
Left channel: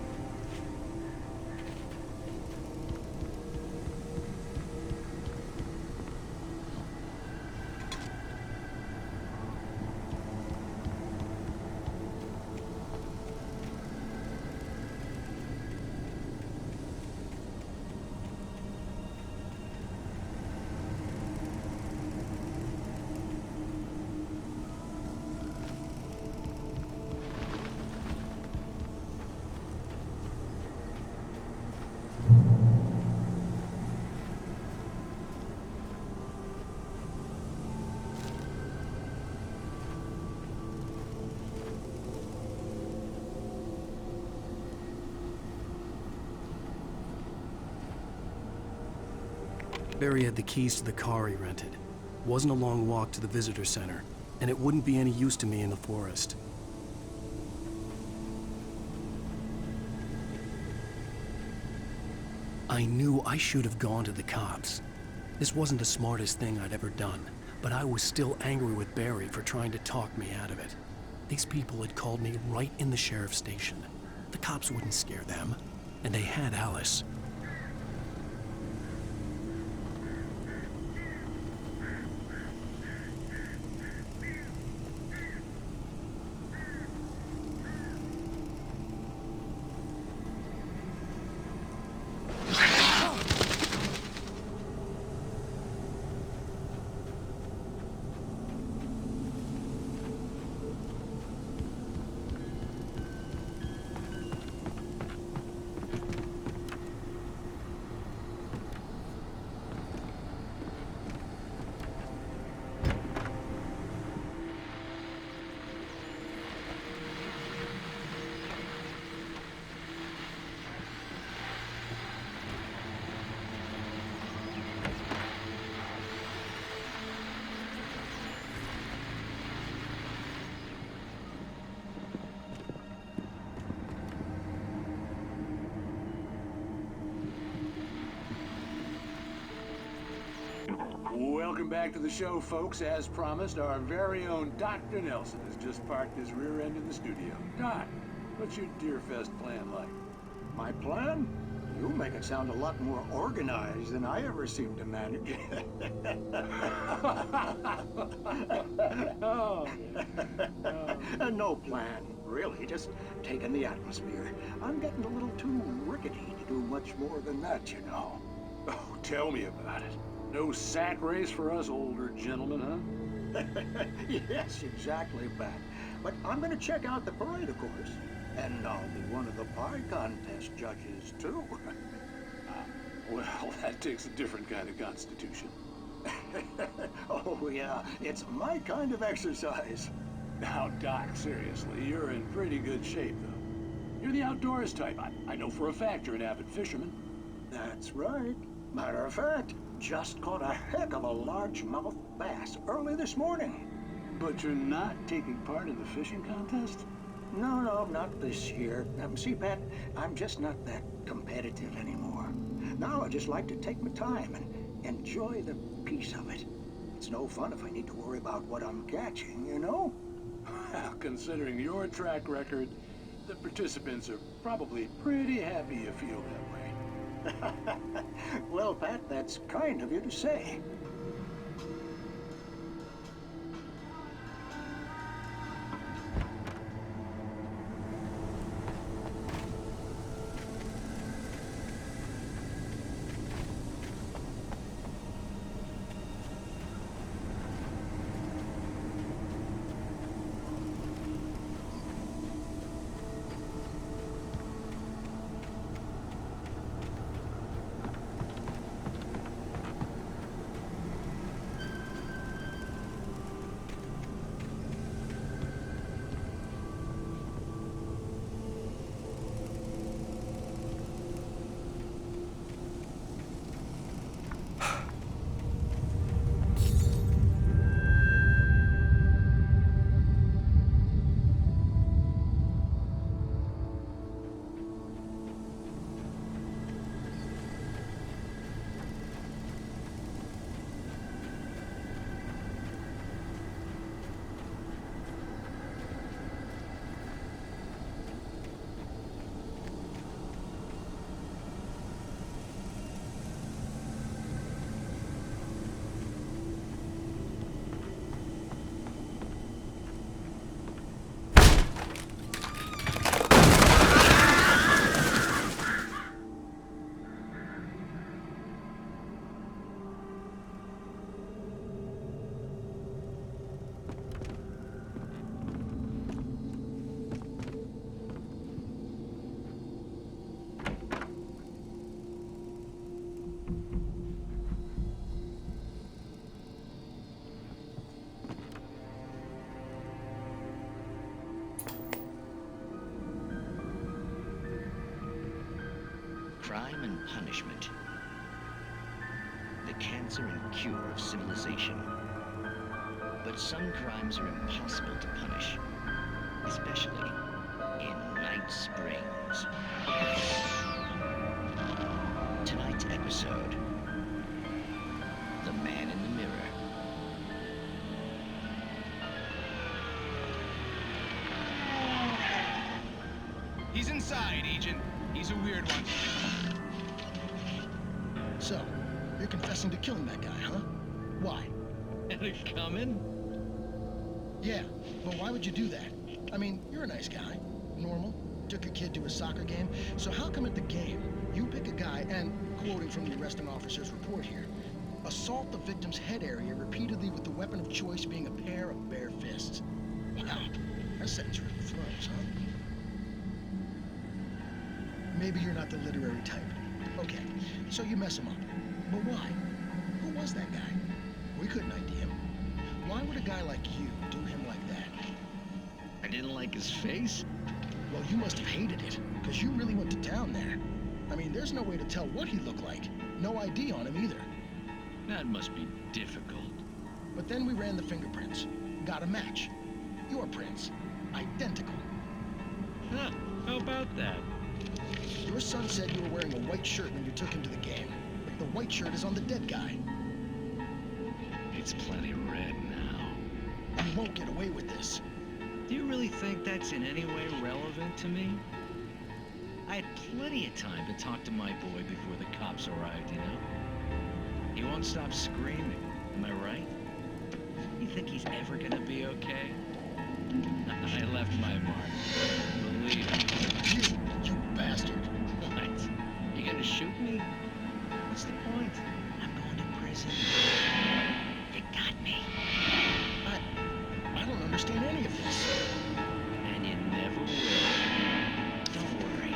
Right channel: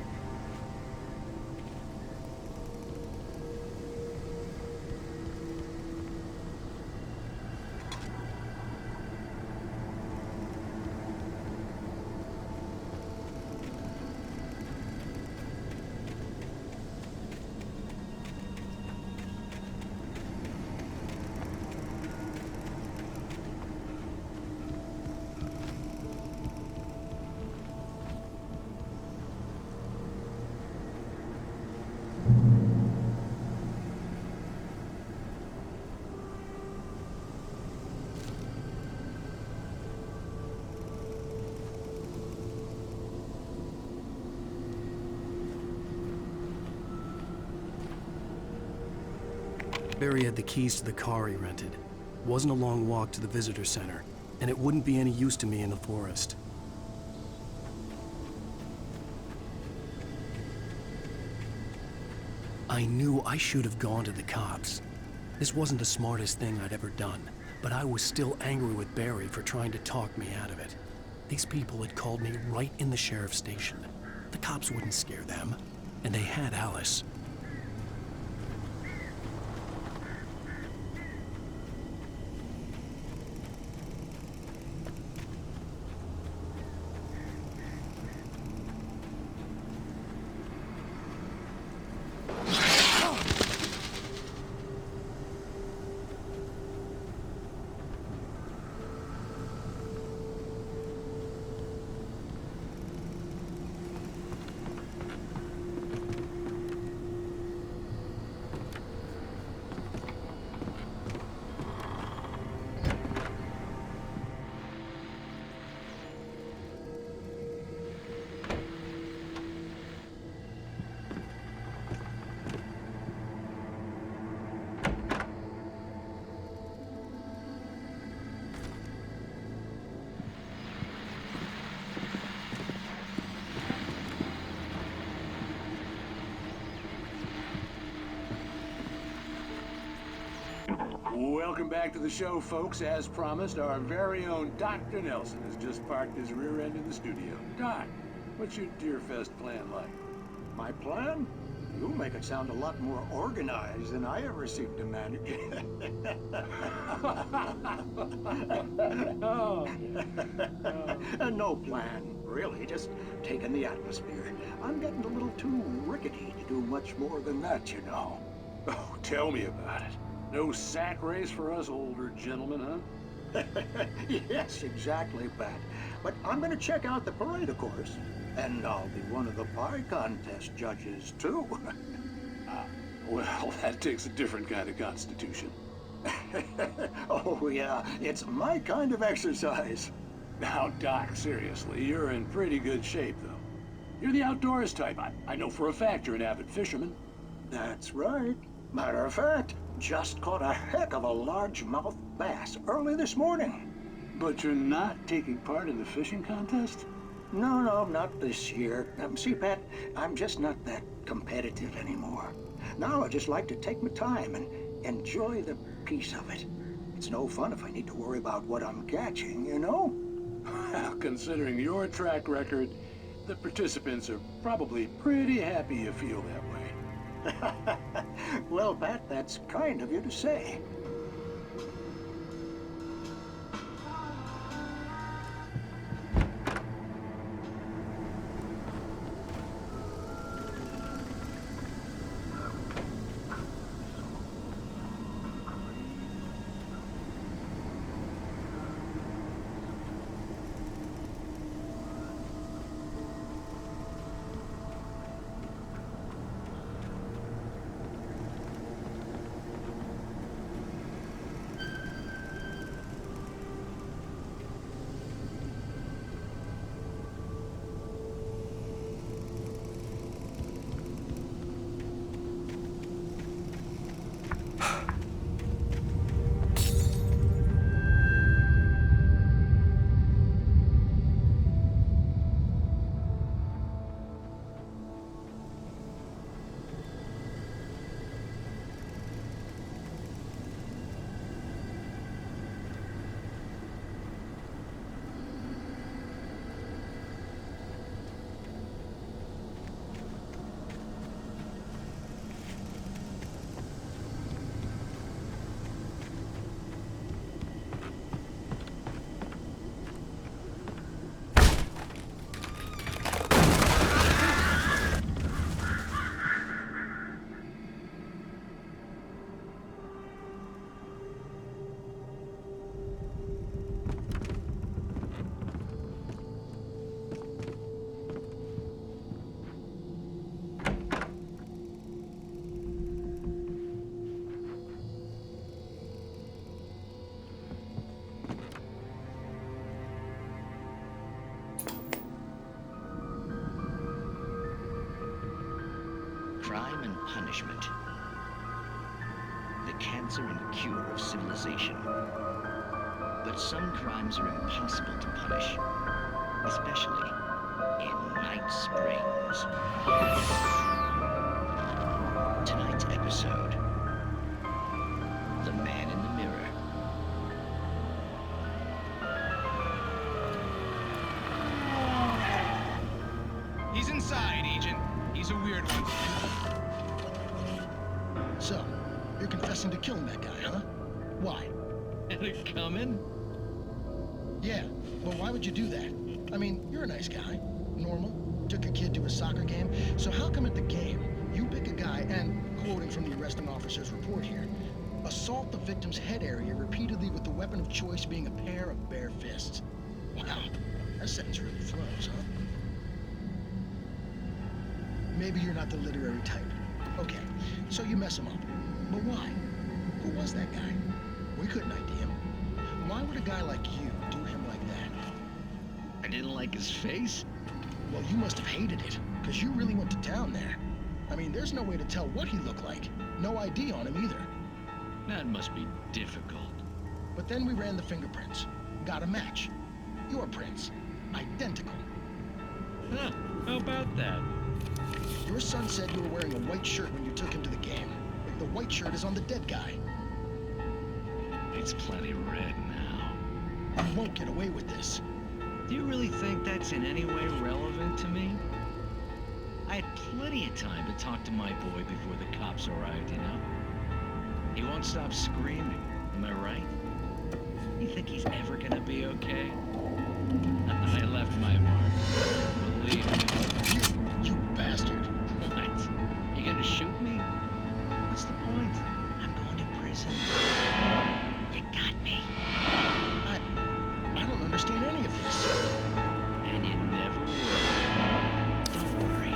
Barry had the keys to the car he rented. Wasn't a long walk to the visitor center, and it wouldn't be any use to me in the forest. I knew I should have gone to the cops. This wasn't the smartest thing I'd ever done, but I was still angry with Barry for trying to talk me out of it. These people had called me right in the sheriff's station. The cops wouldn't scare them, and they had Alice. Welcome back to the show, folks. As promised, our very own Dr. Nelson has just parked his rear end in the studio. Doc, what's your Deerfest plan like? My plan? You make it sound a lot more organized than I ever seem to manage. No plan, really. Just taking the atmosphere. I'm getting a little too rickety to do much more than that, you know. Oh, tell me about it. No sack race for us older gentlemen, huh? Yes, exactly, Pat. But I'm gonna check out the parade, of course. And I'll be one of the pie contest judges, too. Well, that takes a different kind of constitution. Oh, yeah. It's my kind of exercise. Now, Doc, seriously, you're in pretty good shape, though. You're the outdoors type. I know for a fact you're an avid fisherman. That's right. Matter of fact, just caught a heck of a largemouth bass early this morning. But you're not taking part in the fishing contest? No, not this year. See, Pat, I'm just not that competitive anymore. Now I just like to take my time and enjoy the peace of it. It's no fun if I need to worry about what I'm catching, you know? Well, considering your track record, the participants are probably pretty happy you feel that way. Well, Pat, that's kind of you to say. crime and punishment. The cancer and cure of civilization. But some crimes are impossible to punish, especially in Night Springs. Tonight's episode, The Man in the Mirror. He's inside, Agent. He's a weird one. So, you're confessing to killing that guy, huh? Why? Had it coming? Yeah, but why would you do that? I mean, you're a nice guy. Normal. Took your kid to a soccer game. So how come at the game, you pick a guy and, quoting from the arresting officer's report here, assault the victim's head area repeatedly with the weapon of choice being a pair of bare fists? Wow, that sentence really flows, huh? Maybe you're not the literary type. Okay, so you mess him up. But why? Who was that guy? We couldn't ID him. Why would a guy like you do him like that? I didn't like his face? Well, you must have hated it, because you really went to town there. I mean, there's no way to tell what he looked like. No ID on him either. That must be difficult. But then we ran the fingerprints. Got a match. Your prints. Identical. Huh, how about that? Your son said you were wearing a white shirt when you took him to the game. But the white shirt is on the dead guy. It's plenty red now. You won't get away with this. Do you really think that's in any way relevant to me? I had plenty of time to talk to my boy before the cops arrived, you know? He won't stop screaming, am I right? You think he's ever gonna be okay? I left my mark. Believe me. You bastard. What? You gonna shoot me? What's the point? I'm going to prison. You got me. I don't understand any of this. And you never will. Don't worry.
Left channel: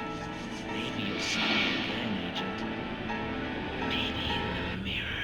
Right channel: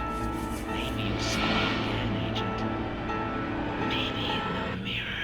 Maybe you'll see me again, Agent. Maybe in the mirror.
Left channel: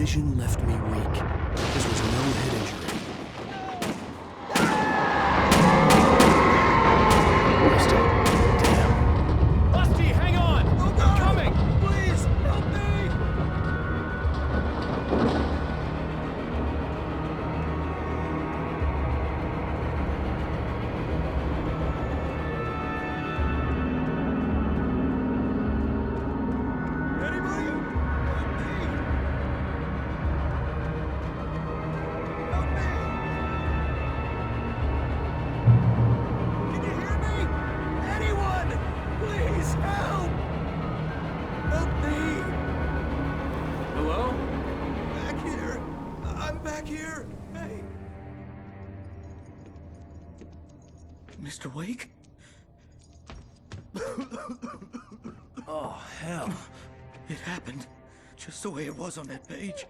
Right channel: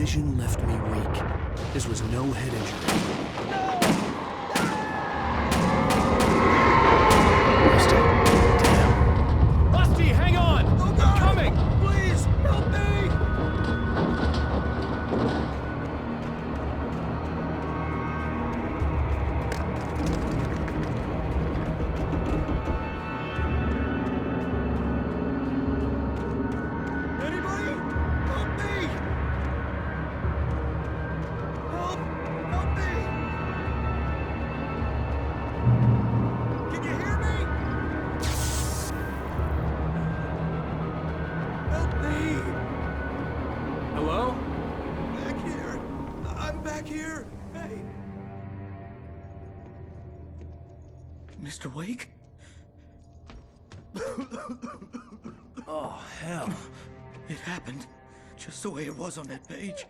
vision left me weak. This was no head injury. Rusty, damn. Rusty, hang on! I'm coming! Please, help me! Anybody? Help me! Help me! back here! Hey! Mr. Wake? Oh, hell. It happened just the way it was on that page.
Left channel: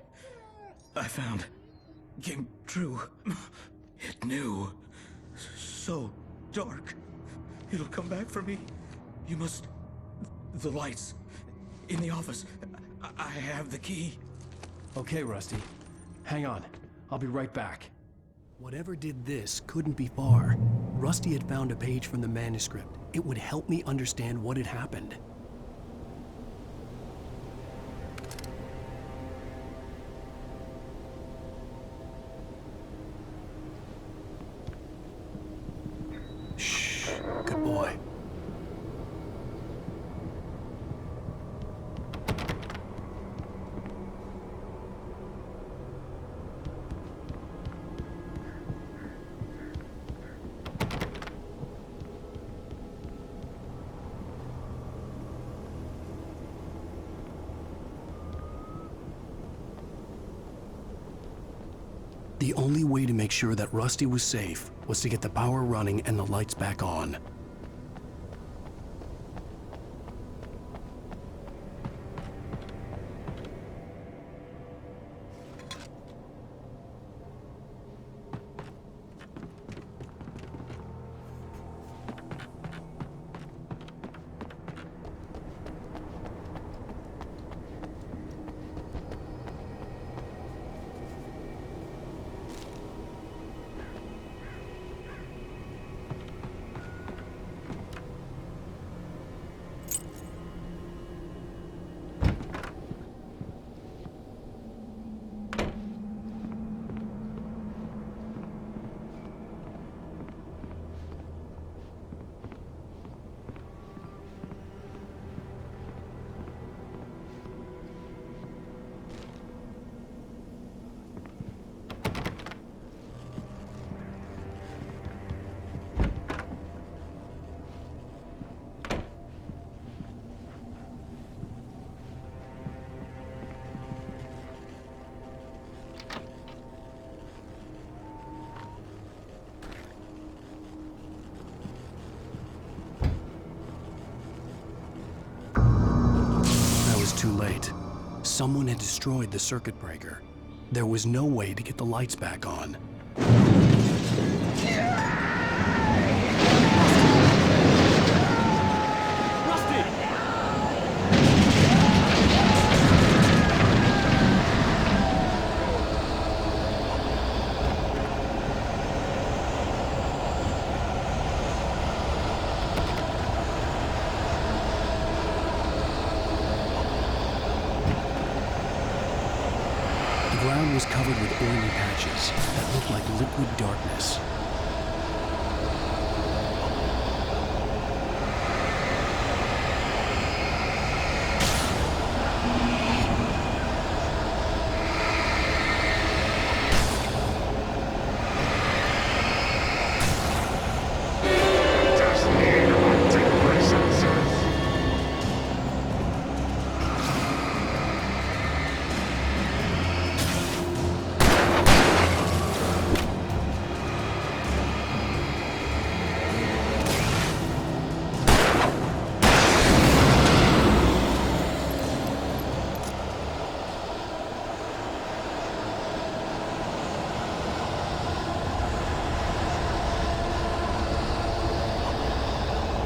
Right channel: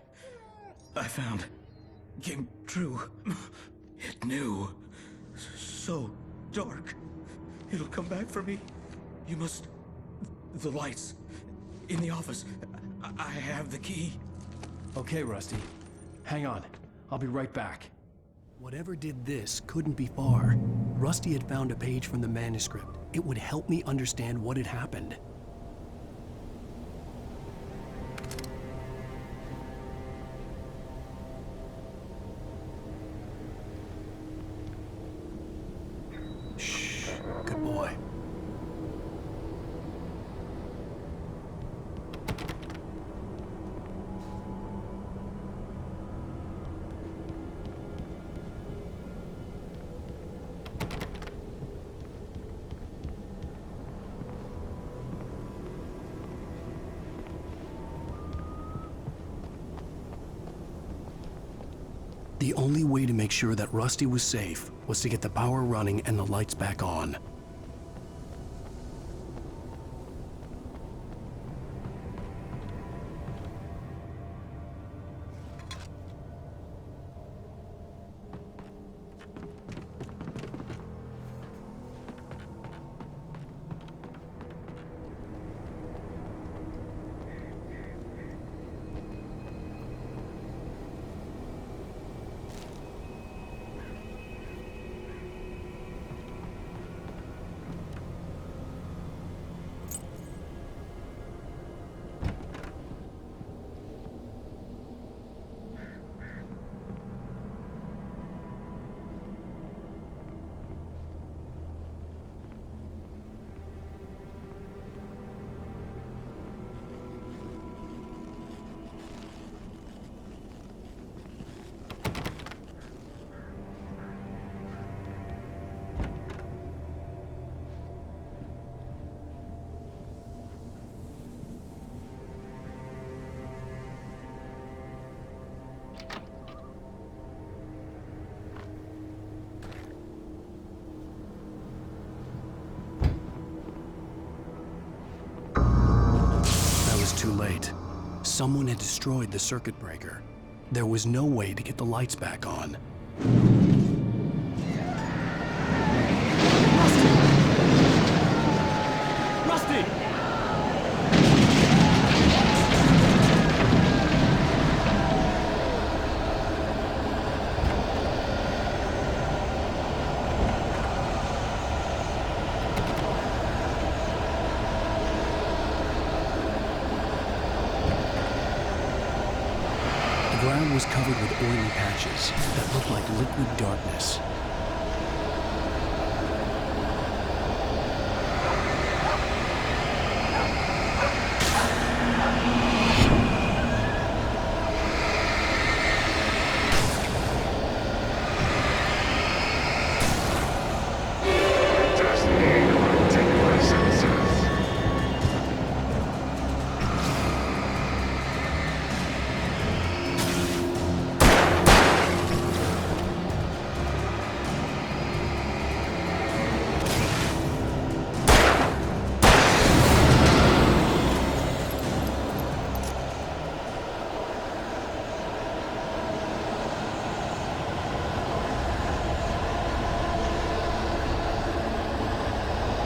I found. Came true. It knew. So dark. It'll come back for me. You must... The lights. In the office. I have the key. Okay, Rusty. Hang on. I'll be right back. Whatever did this couldn't be far. Rusty had found a page from the manuscript. It would help me understand what had happened. Shh. Good boy. The only way to make sure that Rusty was safe was to get the power running and the lights back on. Too late. Someone had destroyed the circuit breaker. There was no way to get the lights back on. Rusty! The ground was covered with oily patches that looked like liquid darkness.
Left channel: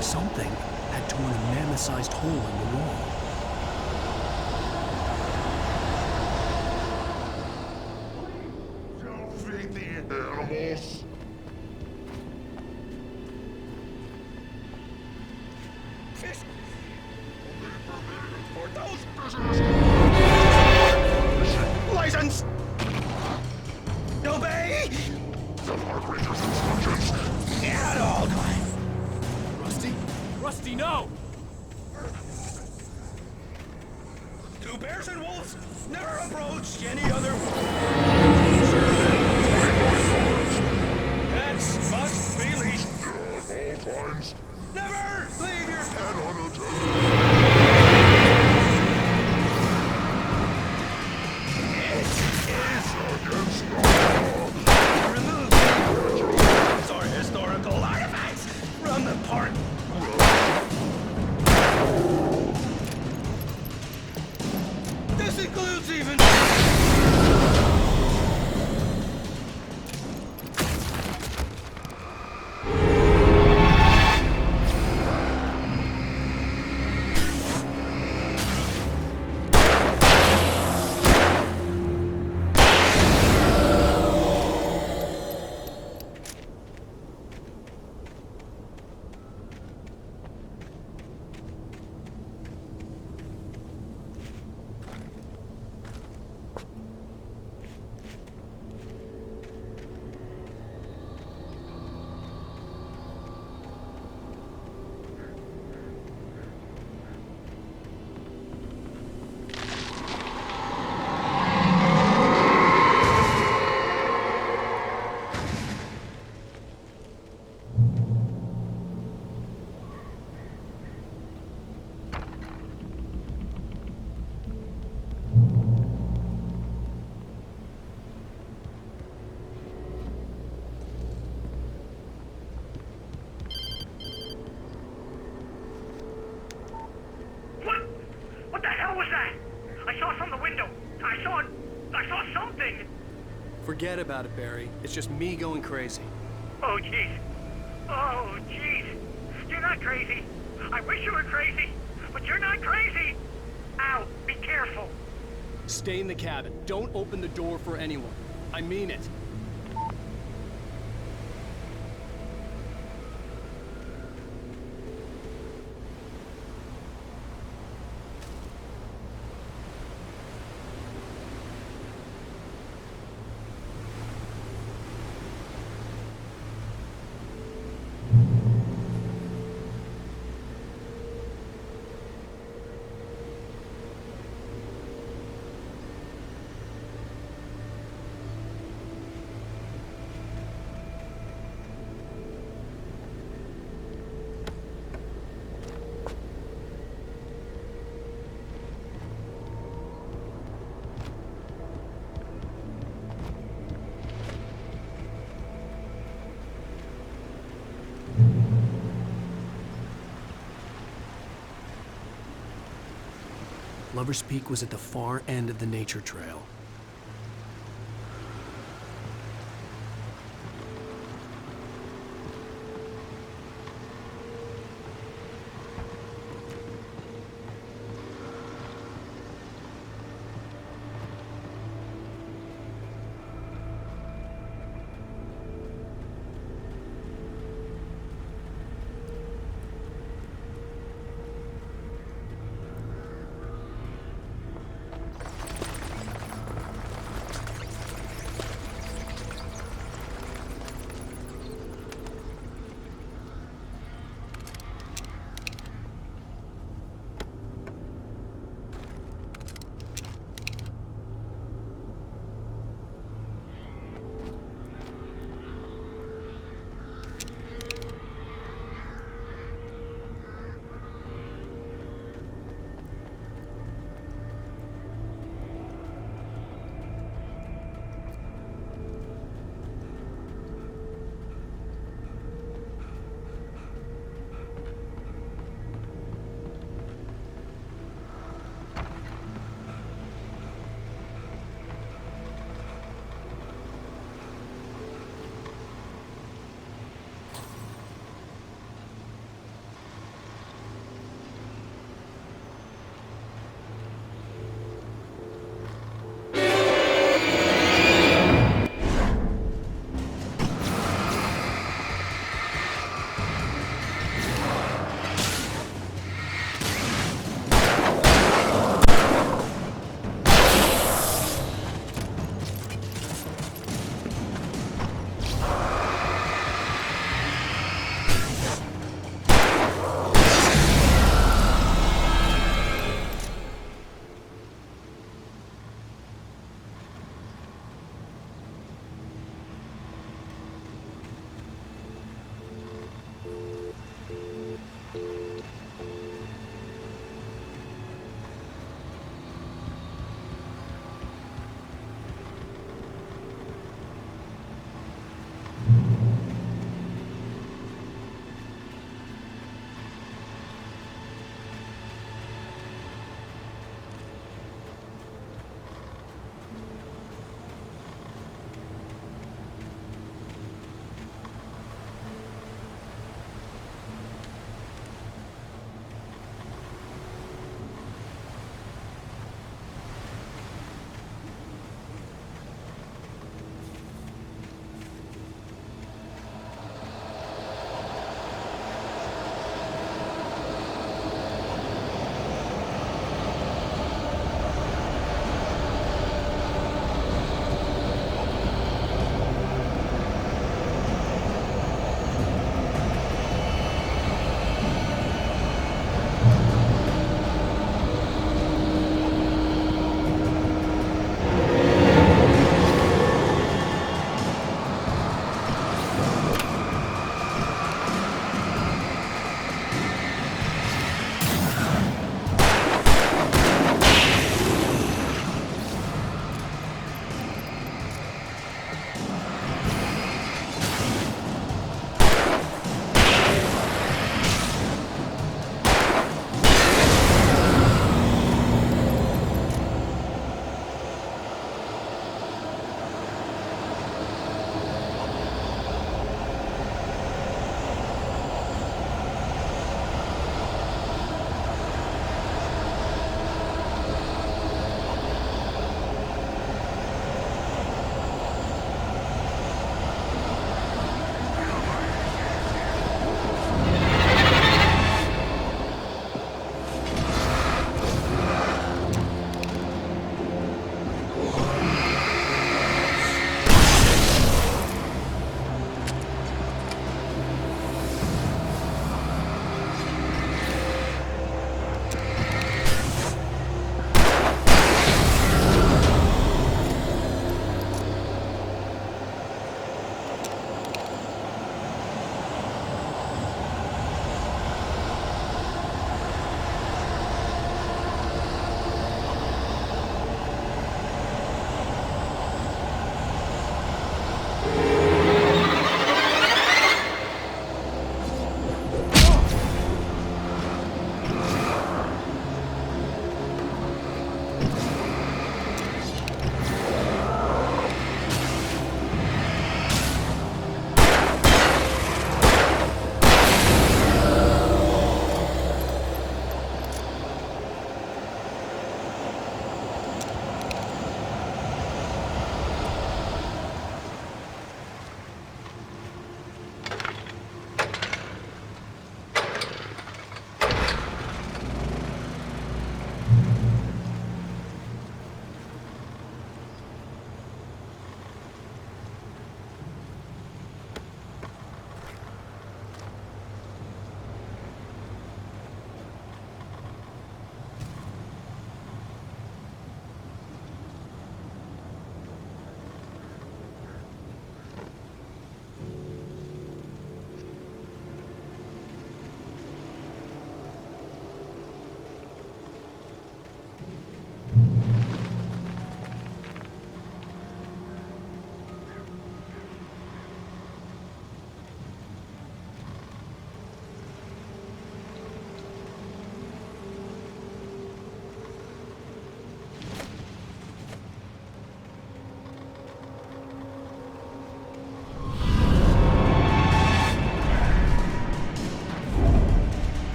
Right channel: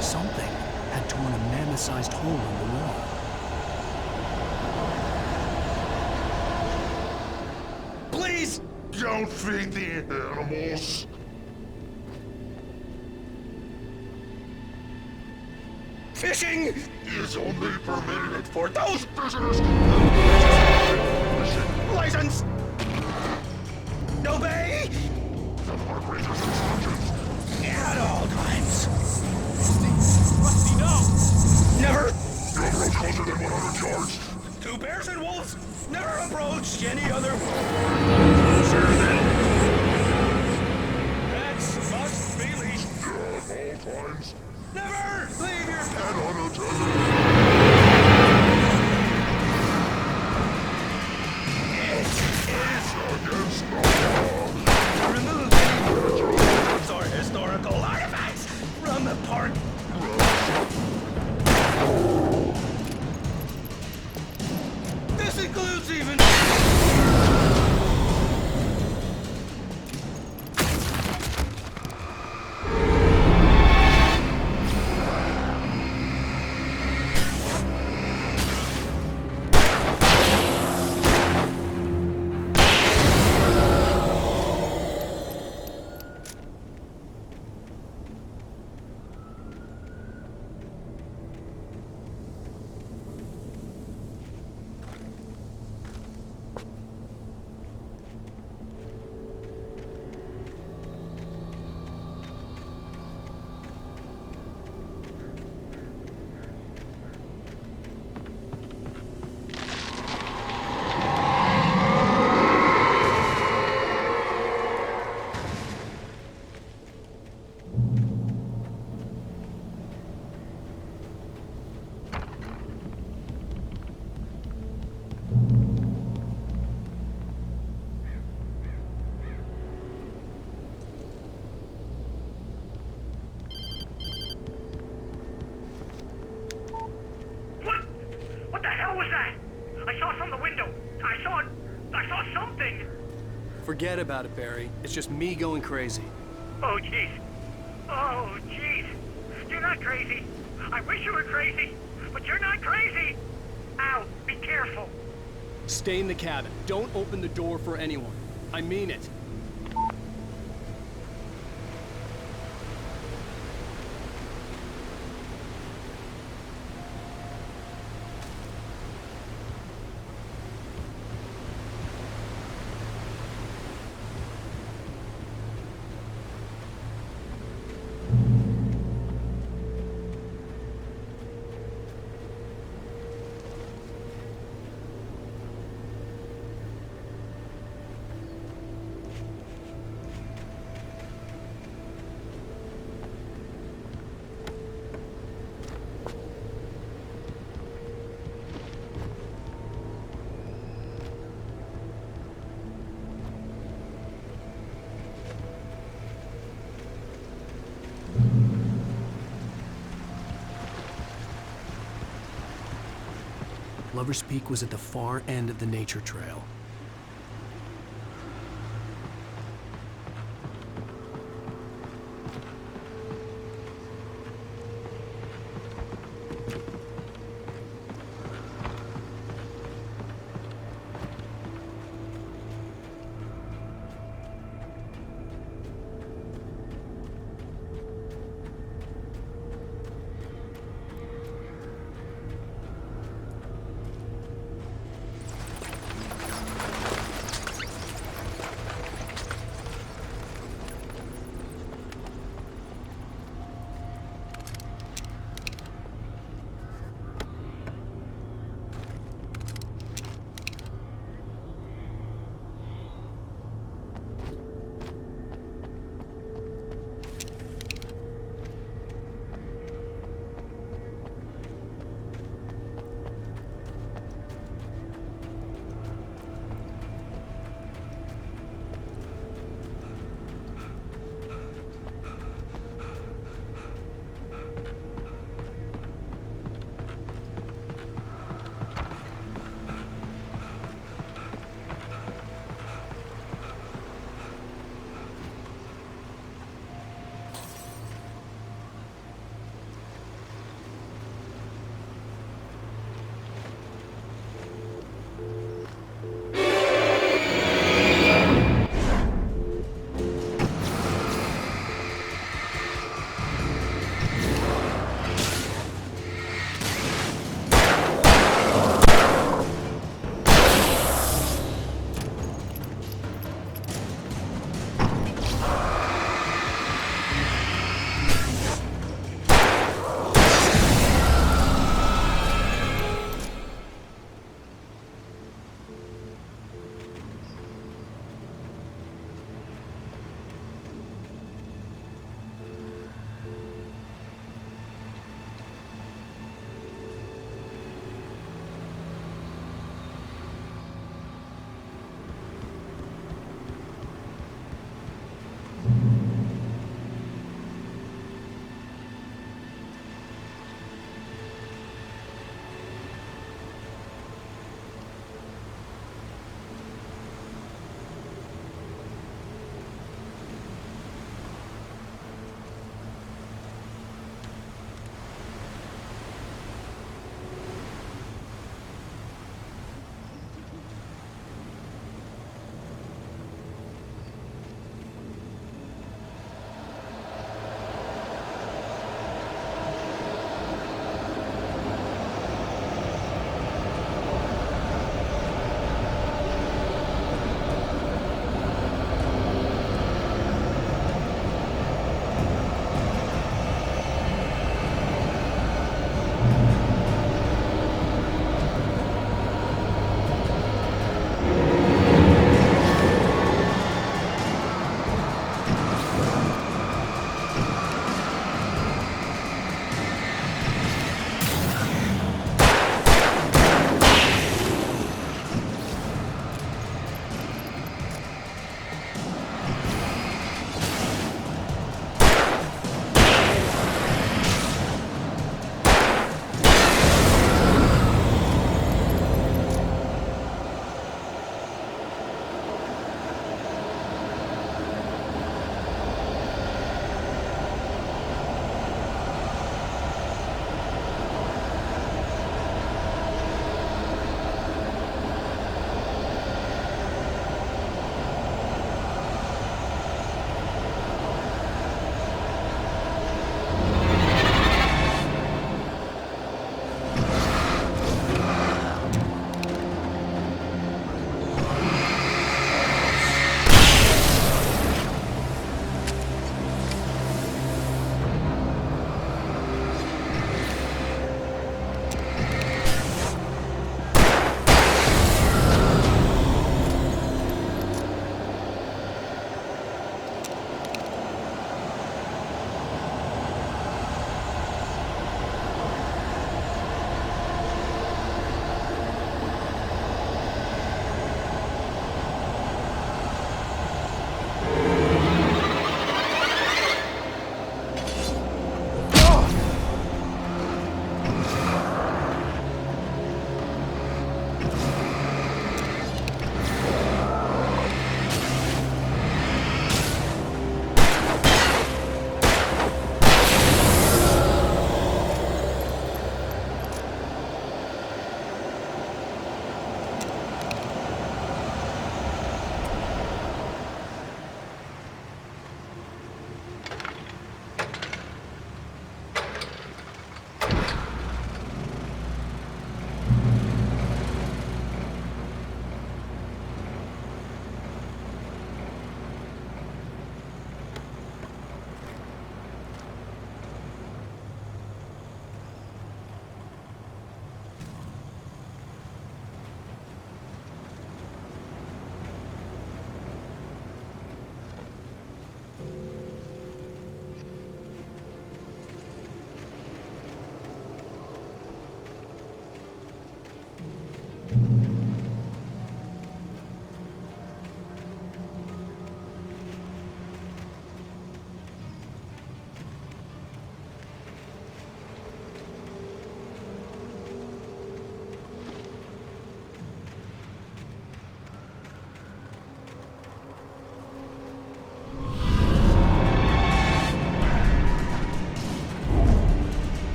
Something had torn a mammoth-sized hole in the wall. Please don't feed the animals. Fishing is only permitted for those fishers. License! Obey! The park ranger's instructions. At all times. Rusty? Rusty, no! Never! You approach closer than 100 yards. Two bears and wolves never approached any other. Closer than 100 yards. Pets must be leashed. At all times. Never leave your pet unattended. It is against the historical artifacts from the park. This includes even... What the hell was that? I saw from the window. I saw something. Forget about it, Barry. It's just me going crazy. Oh, jeez. Oh, jeez. You're not crazy. I wish you were crazy, but you're not crazy. Ow, be careful. Stay in the cabin. Don't open the door for anyone. I mean it. Lover's Peak was at the far end of the nature trail.